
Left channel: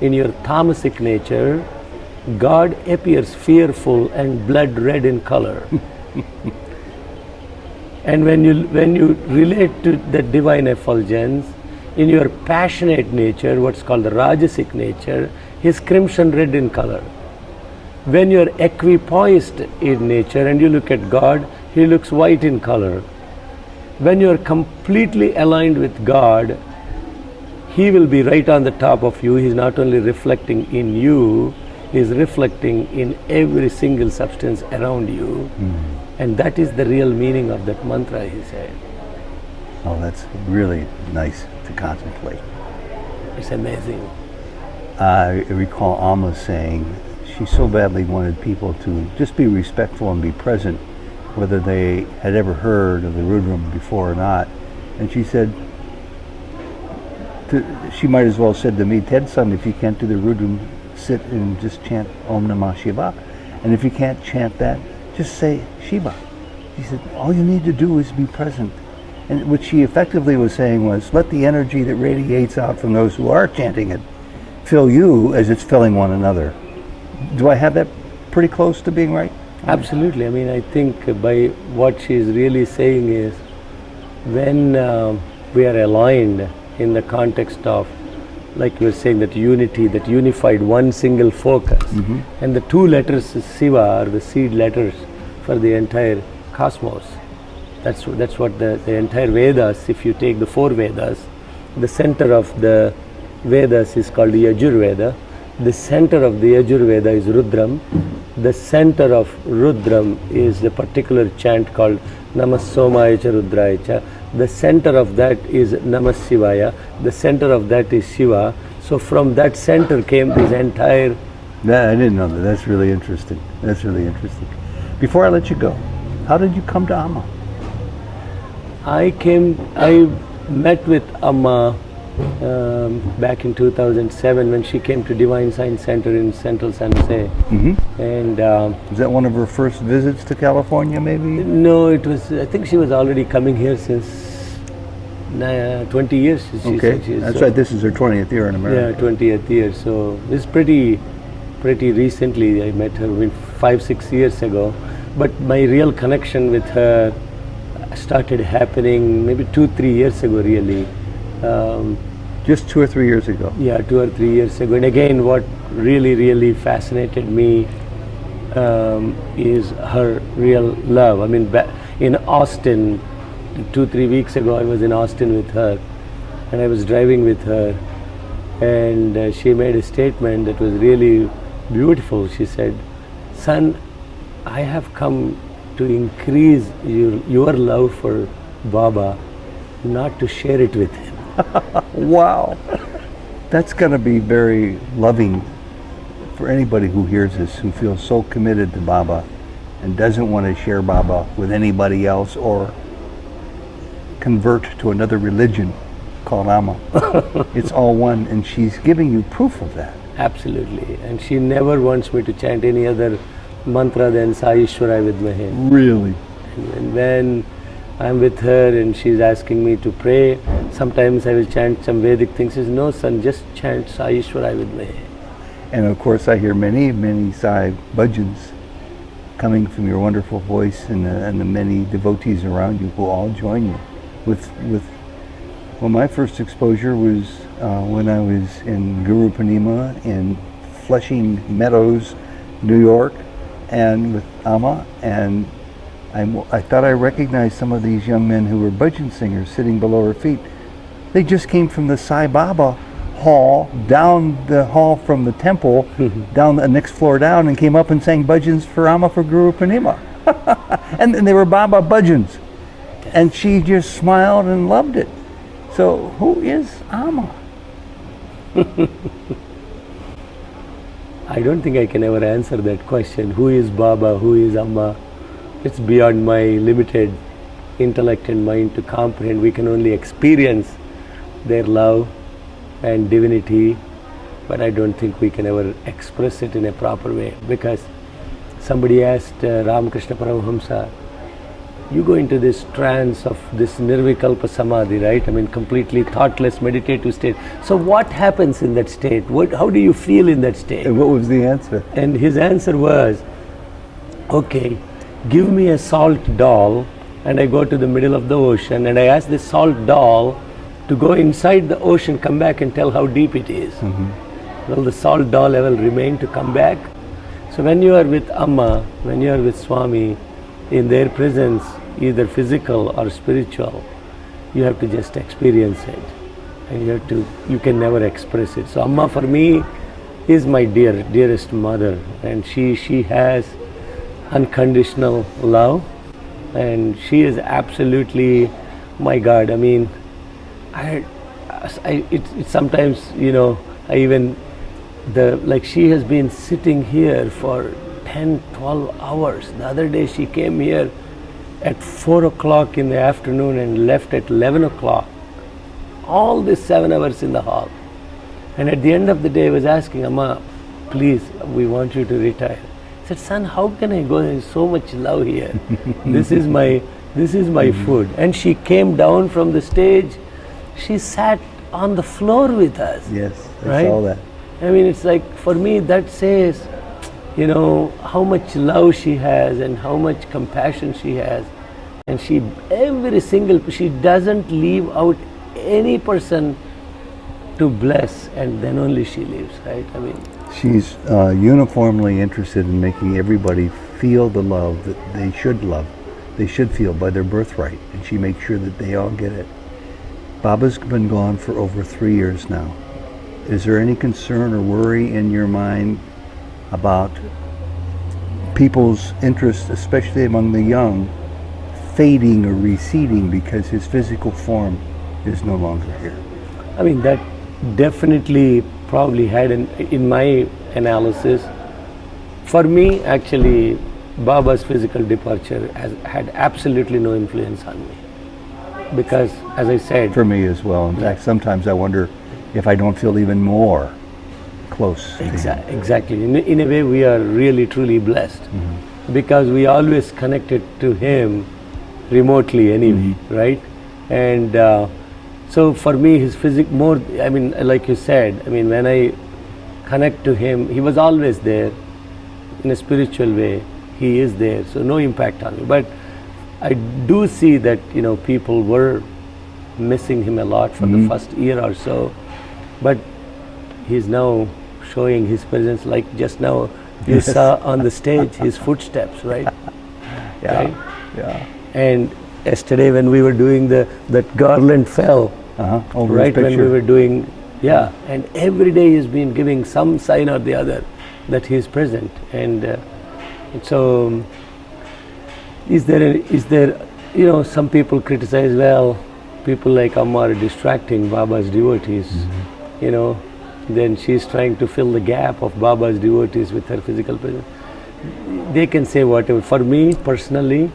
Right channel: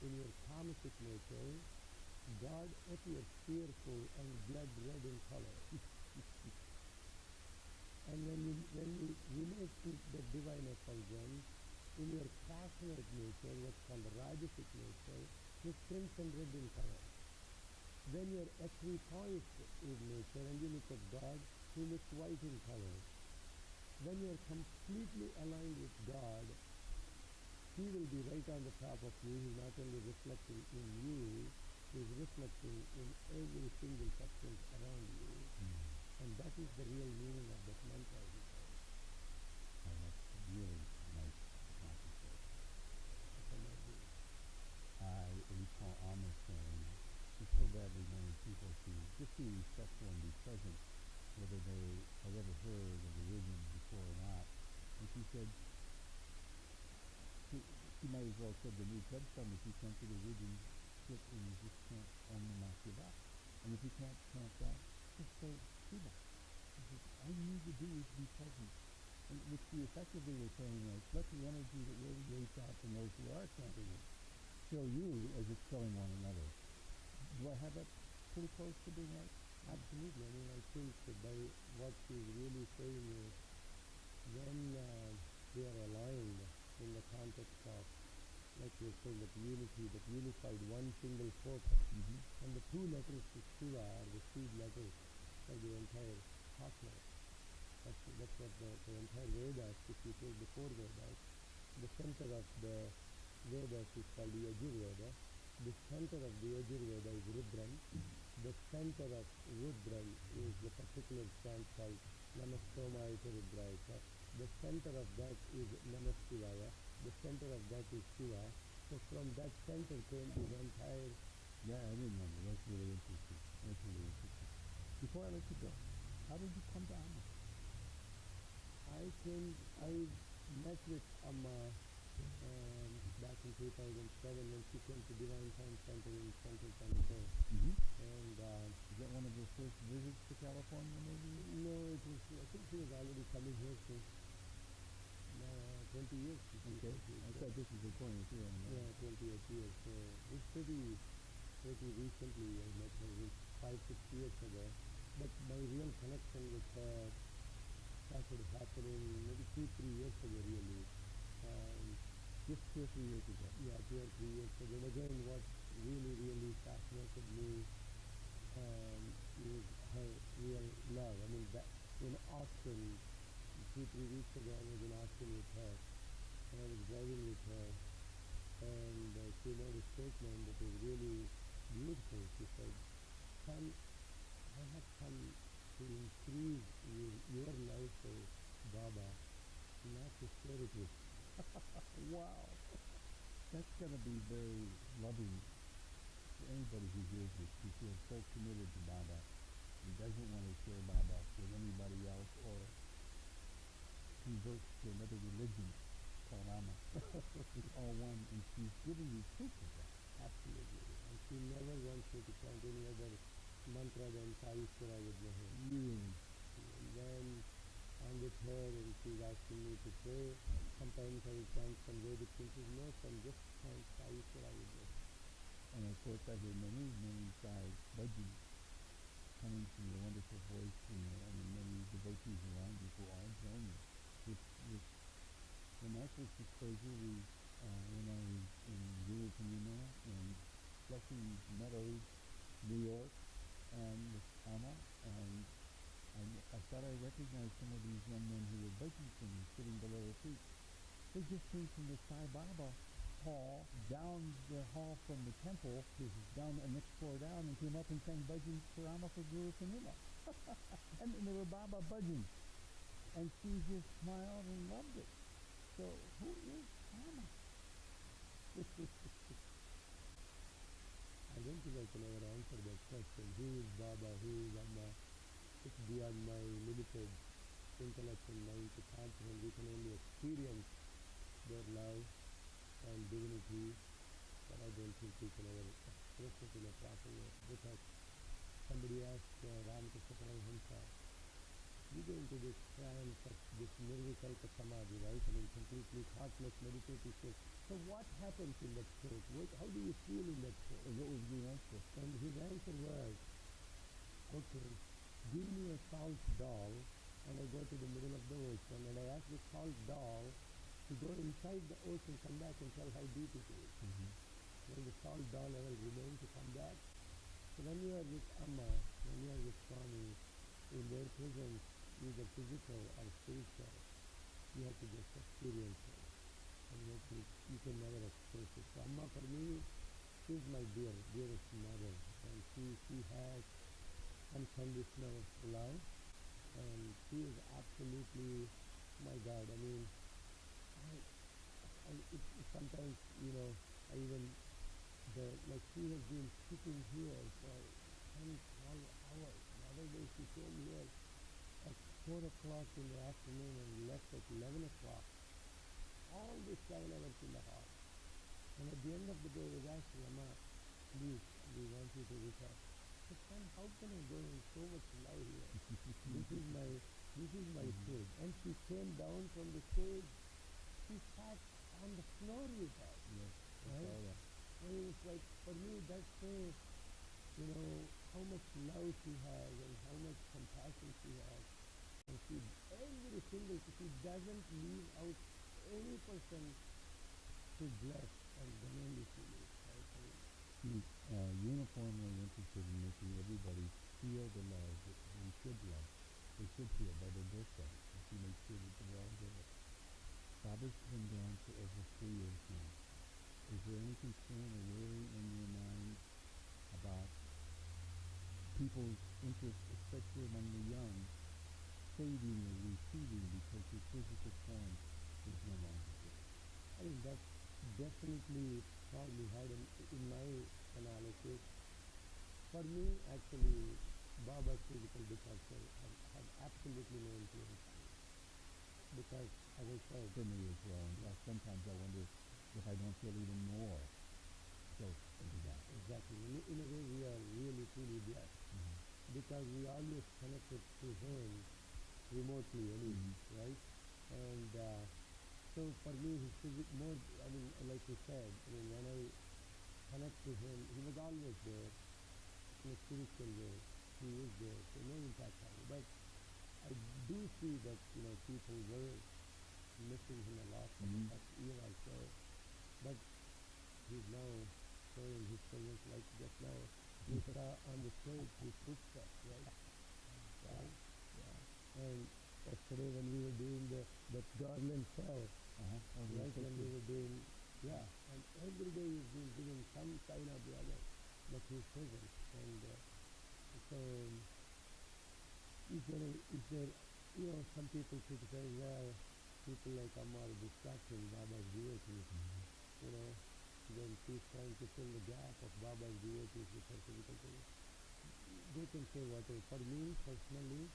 in your tamasic nature, God appears fearful and blood red in color. And when you relate to the divine effulgence, in your passionate nature, what's called the rajasic nature, he's crimson red in color. When you're equipoised in nature and you look at God, he looks white in color. When you're completely aligned with God, he will be right on the top of you. He's not only reflecting in you, he's reflecting in every single substance around you. And that is the real meaning of that mantra, he said. Oh, that's really nice to contemplate. It's amazing. I recall Amma saying she so badly wanted people to just be respectful and be present, whether they had ever heard of the Rudram before or not. And she said, she might as well have said to me, Ted, son, if you can't do the Rudram, sit and just chant Om Namah Shiva. And if you can't chant that, just say Shiva. She said, all you need to do is be present. And what she effectively was saying was, let the energy that radiates out from those who are chanting it fill you as it's filling one another. Do I have that pretty close to being right? Absolutely. I mean, I think by what she's really saying is, when we are aligned in the context of, like you were saying, that unity, that unified one single focus, and the two letters is Shiva are the seed letters for the entire cosmos. That's what the entire Vedas, if you take the four Vedas, the center of the Vedas is called the Yajurveda. The center of the Yajurveda is Rudram. The center of Rudram is the particular chant called Namah Somaya Cha Rudraya Cha. The center of that is Namah Shivaya. The center of that is Shiva. So from that center came this entire... I didn't know that. That's really interesting. That's really interesting. Before I let you go, how did you come to Amma? I met with Amma back in 2007 when she came to Divine Science Center in Central San Jose. And was that one of her first visits to California, maybe? no, it was, I think she was already coming here since 20 years. She said she is, That's right. This is her 20th year in America. Yeah, 20th year. So it's pretty recently. I met her 5-6 years ago. But my real connection with her started happening maybe 2-3 years ago, really. Just 2 or 3 years ago. Yeah, 2 or 3 years ago. And again, what really fascinated me is her real love. I mean, in Austin, 2-3 weeks ago, I was in Austin with her, and I was driving with her, and she made a statement that was really beautiful. She said, son, I have come to increase your love for Baba, not to share it with him. Wow. That's going to be very loving for anybody who hears this, who feels so committed to Baba and doesn't want to share Baba with anybody else or convert to another religion called Amma. It's all one, and she's giving you proof of that. Absolutely. And she never wants me to chant any other mantra than Sa Ishwarai Vidmahe. Really? And when I'm with her and she's asking me to pray, sometimes I will chant some Vedic things. She says, no son, just chant Sa Ishwarai Vidmahe. And of course I hear many Sai bhajans coming from your wonderful voice, and the many devotees around you who all join you. Well, my first exposure was when I was in Guru Purnima in Flushing Meadows, New York, and with Amma, and I thought I recognized some of these young men who were bhajan singers sitting below her feet. They just came from the Sai Baba hall, down the hall from the temple, down the next floor down, and came up and sang bhajans for Amma for Guru Purnima. and they were Baba bhajans. And she just smiled and loved it. So who is Amma? I don't think I can ever answer that question. Who is Baba? Who is Amma? It's beyond my limited intellect and mind to comprehend. We can only experience their love and divinity, but I don't think we can ever express it in a proper way, because somebody asked Ramakrishna Paramahamsa, you go into this trance of this nirvikalpa samadhi, right? I mean, completely thoughtless meditative state. So what happens in that state? How do you feel in that state? And what was the answer? And his answer was, okay, give me a salt doll, and I go to the middle of the ocean and I ask this salt doll to go inside the ocean, come back and tell how deep it is. Will the salt doll ever remain to come back? So when you are with Amma, when you are with Swami, in their presence, either physical or spiritual, you have to just experience it, and you can never express it. So Amma for me is my dearest mother, and she has unconditional love, and she is absolutely my God. I mean, it's sometimes, I even, like she has been sitting here for 10-12 hours. The other day she came here at 4 o'clock in the afternoon and left at 11 o'clock. all these 7 hours in the hall. And at the end of the day, I was asking, Amma, please, we want you to retire. I said, son, how can I go? There's so much love here. This is my food. And she came down from the stage. She sat on the floor with us. Yes, I right? saw that. I mean, it's like, for me, that says, you know, how much love she has and how much compassion she has. And she doesn't leave out any person to bless, and then only she leaves, right? I mean, she's uniformly interested in making everybody feel the love that they should feel by their birthright, and she makes sure that they all get it. Baba's been gone for over 3 years now. Is there any concern or worry in your mind about people's interest, especially among the young, fading or receding because his physical form is no longer here? I mean, that definitely probably had, in my analysis, for me, actually, Baba's physical departure had absolutely no influence on me. Because, as I said... For me as well. In fact, sometimes I wonder if I don't feel even more close to him. Exactly. In a way, we are really, truly blessed. Because we always connected to him remotely anyway, right? And so for me, his more, I mean, like you said, I mean, when I connect to him, he was always there in a spiritual way. He is there, so no impact on me. But I do see that, you know, people were missing him a lot for the first year or so. But he's now showing his presence, like just now you saw on the stage his footsteps, right? Yeah, right? yeah. And yesterday when we were doing that garland fell, Over right his when we picture. were doing, and every day he's been giving some sign or the other that he is present. And so, is there, you know, some people criticize, well, people like Amma are distracting Baba's devotees, you know, then she's trying to fill the gap of Baba's devotees with her physical presence. They can say whatever. For me, personally,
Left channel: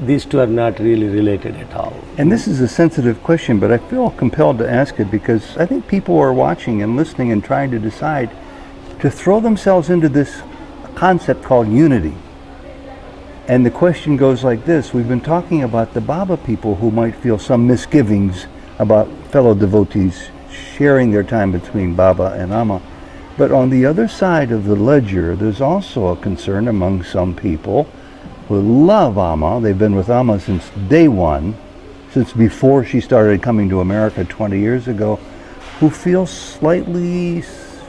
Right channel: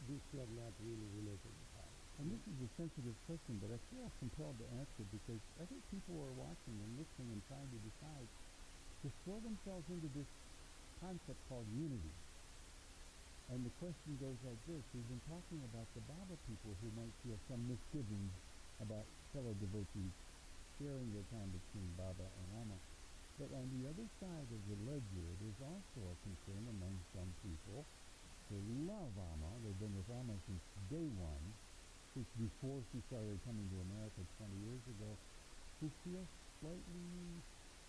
these two are not really related at all. And this is a sensitive question, but I feel compelled to ask it because I think people are watching and listening and trying to decide to throw themselves into this concept called unity. And the question goes like this: we've been talking about the Baba people who might feel some misgivings about fellow devotees sharing their time between Baba and Amma. But on the other side of the ledger, there's also a concern among some people who love Amma. They've been with Amma since day one, since before she started coming to America 20 years ago, who feel slightly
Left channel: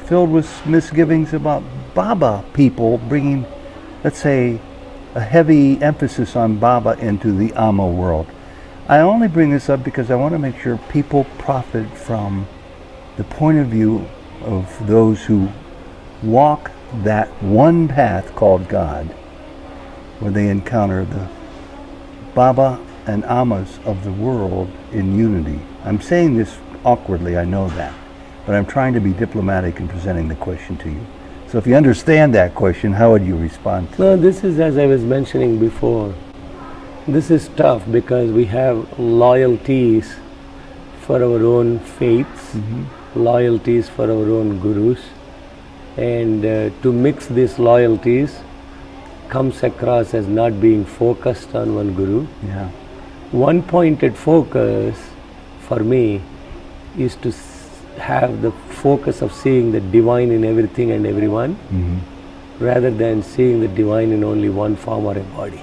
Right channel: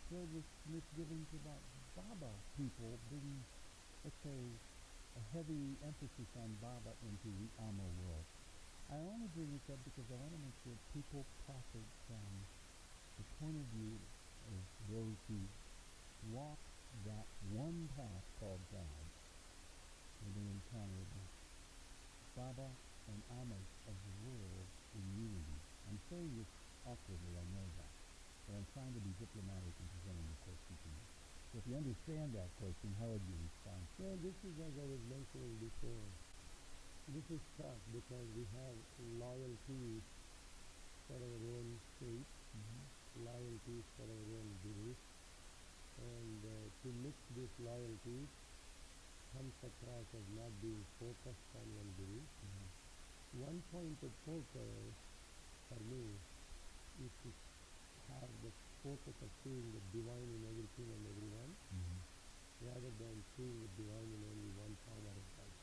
filled with misgivings about Baba people bringing, let's say, a heavy emphasis on Baba into the Amma world. I only bring this up because I want to make sure people profit from the point of view of those who walk that one path called God, where they encounter the Baba and Ammas of the world in unity. I'm saying this awkwardly, I know that, but I'm trying to be diplomatic in presenting the question to you. So if you understand that question, how would you respond to it? No, this is, as I was mentioning before, this is tough because we have loyalties for our own faiths, loyalties for our own gurus, and to mix these loyalties comes across as not being focused on one guru. Yeah. One-pointed focus for me is to have the focus of seeing the divine in everything and everyone, rather than seeing the divine in only one form or a body.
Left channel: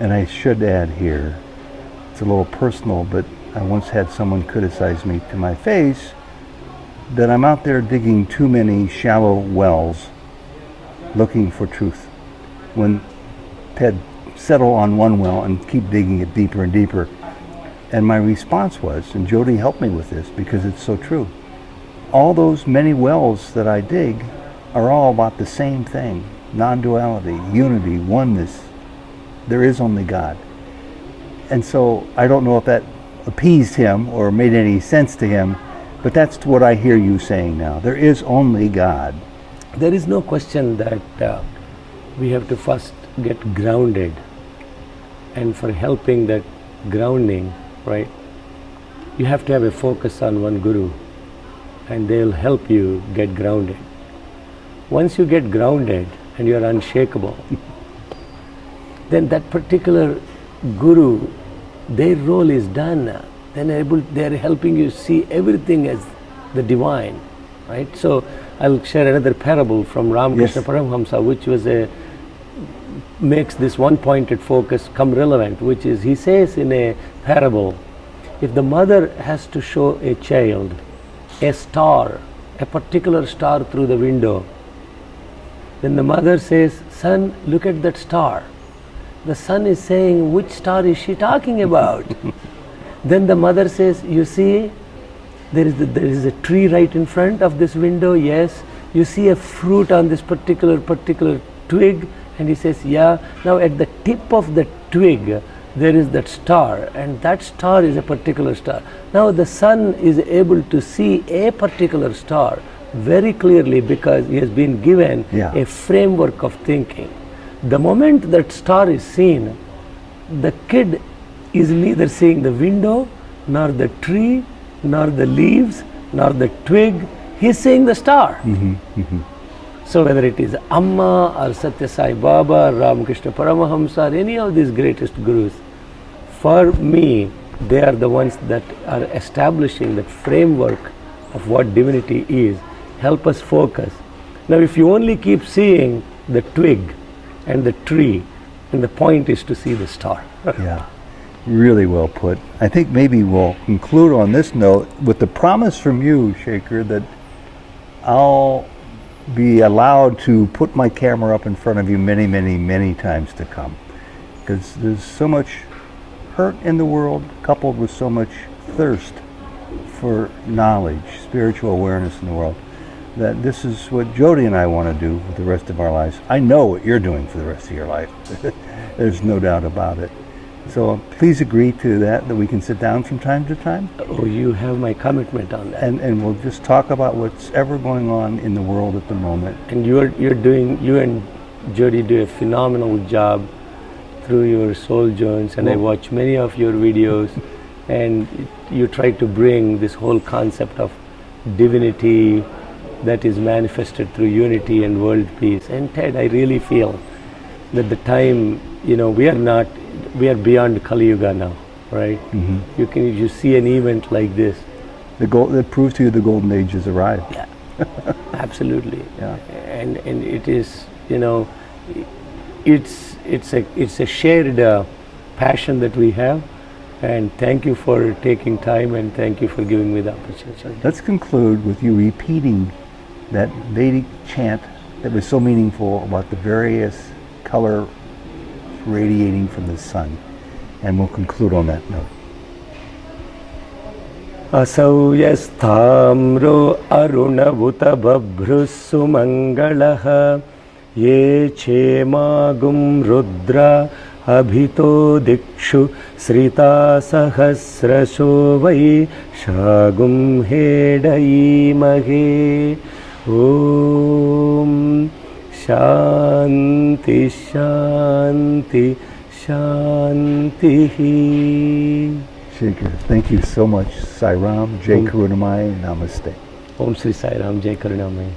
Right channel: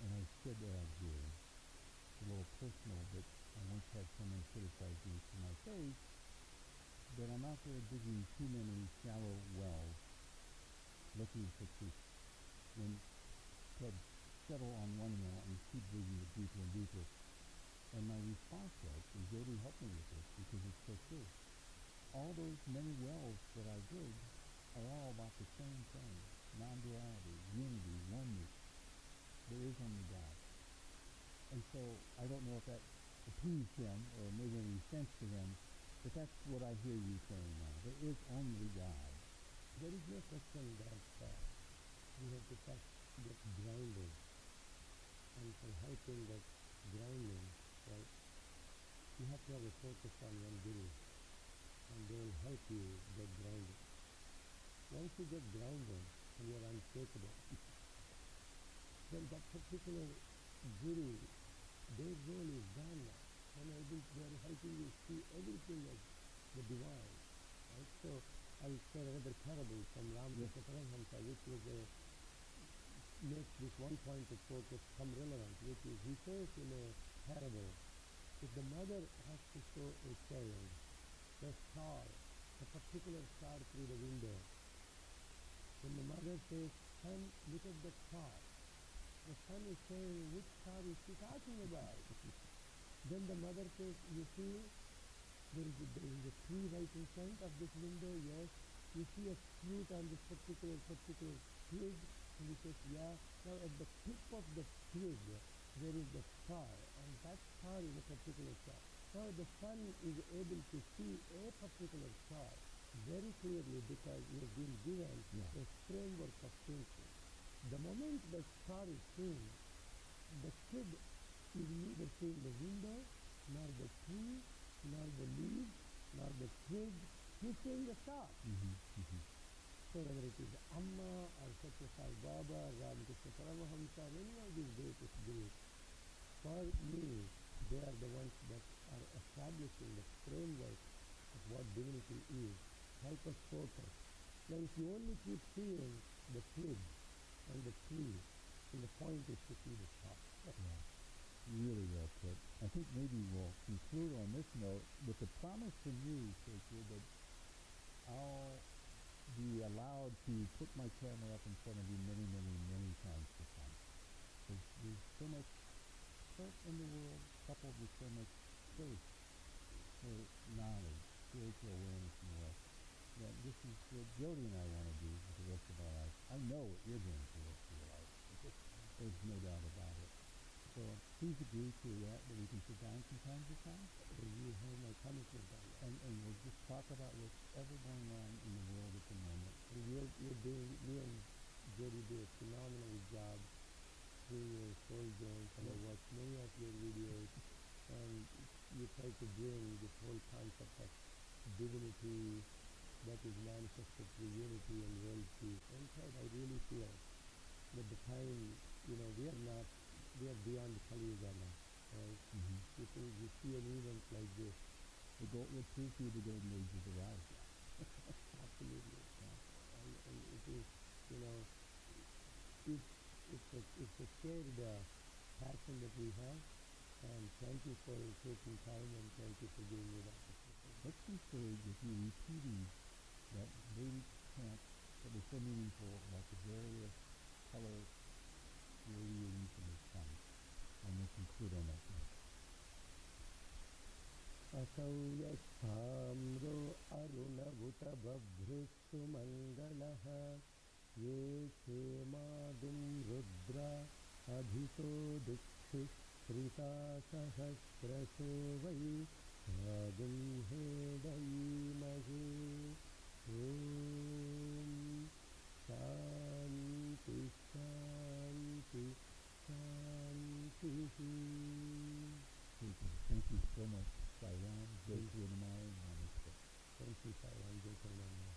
And I should add here, it's a little personal, but I once had someone criticize me to my face that I'm out there digging too many shallow wells looking for truth, when I'd settle on one well and keep digging it deeper and deeper. And my response was, and Jody helped me with this because it's so true, all those many wells that I dig are all about the same thing: non-duality, unity, oneness. There is only God. And so I don't know if that appeased him or made any sense to him, but that's what I hear you saying now. There is only God. There is no question that we have to first get grounded, and for helping that grounding, right? You have to have a focus on one guru, and they'll help you get grounded. Once you get grounded and you are unshakable, then that particular guru, their role is done. Then they are helping you see everything as the divine, right? So I'll share another parable from Ramakrishna Yes. Paramahamsa, which was makes this one-pointed focus come relevant, which is, he says in a parable, if the mother has to show a child a star, a particular star through the window, then the mother says, son, look at that star. The son is saying, which star is she talking about? Then the mother says, you see, there is a tree right in front of this window, yes. You see a fruit on this particular twig, and he says, yeah. Now at the tip of the twig, there is that star, and that star is a particular star. Now the son is able to see a particular star very clearly because he has been given a framework of thinking. The moment that star is seen, the kid is neither seeing the window, nor the tree, nor the leaves, nor the twig. He's seeing the star. So whether it is Amma or Satya Sai Baba or Ramakrishna Paramahamsa or any of these greatest gurus, for me, they are the ones that are establishing that framework of what divinity is, help us focus. Now if you only keep seeing the twig and the tree, then the point is to see the star. Yeah, really well put. I think maybe we'll conclude on this note with the promise from you, Shekhar, that I'll be allowed to put my camera up in front of you many, many, many times to come. Because there's so much hurt in the world, coupled with so much thirst for knowledge, spiritual awareness in the world, that this is what Jody and I want to do with the rest of our lives. I know what you're doing for the rest of your life. There's no doubt about it. So please agree to that we can sit down from time to time. Oh, you have my commitment on that. And we'll just talk about what's ever going on in the world at the moment. And you and Jody do a phenomenal job through your Souljourns, and I watch many of your videos, and you try to bring this whole concept of divinity that is manifested through unity and world peace. And Ted, I really feel that the time, we are beyond Kali Yuga now, right? You see an event like this. That proves to you the golden age has arrived. Yeah, absolutely. Yeah. And it is, it's a shared passion that we have. And thank you for taking time, and thank you for giving me the opportunity. Let's conclude with you repeating that Vedic chant that was so meaningful about the various color radiating from the sun. And we'll conclude on that note. Asau yasthamro arunavutta babhrusu mangalaha ye chemagum rudra abhito dikshu srita sahasrasho vai shagum hedai mahe om shanti shanti shanti. Shekhar, thank you so much. Sai Ram, Jai Karunamayi, Namaste. Om Sri Sai Ram, Jai Karunamayi.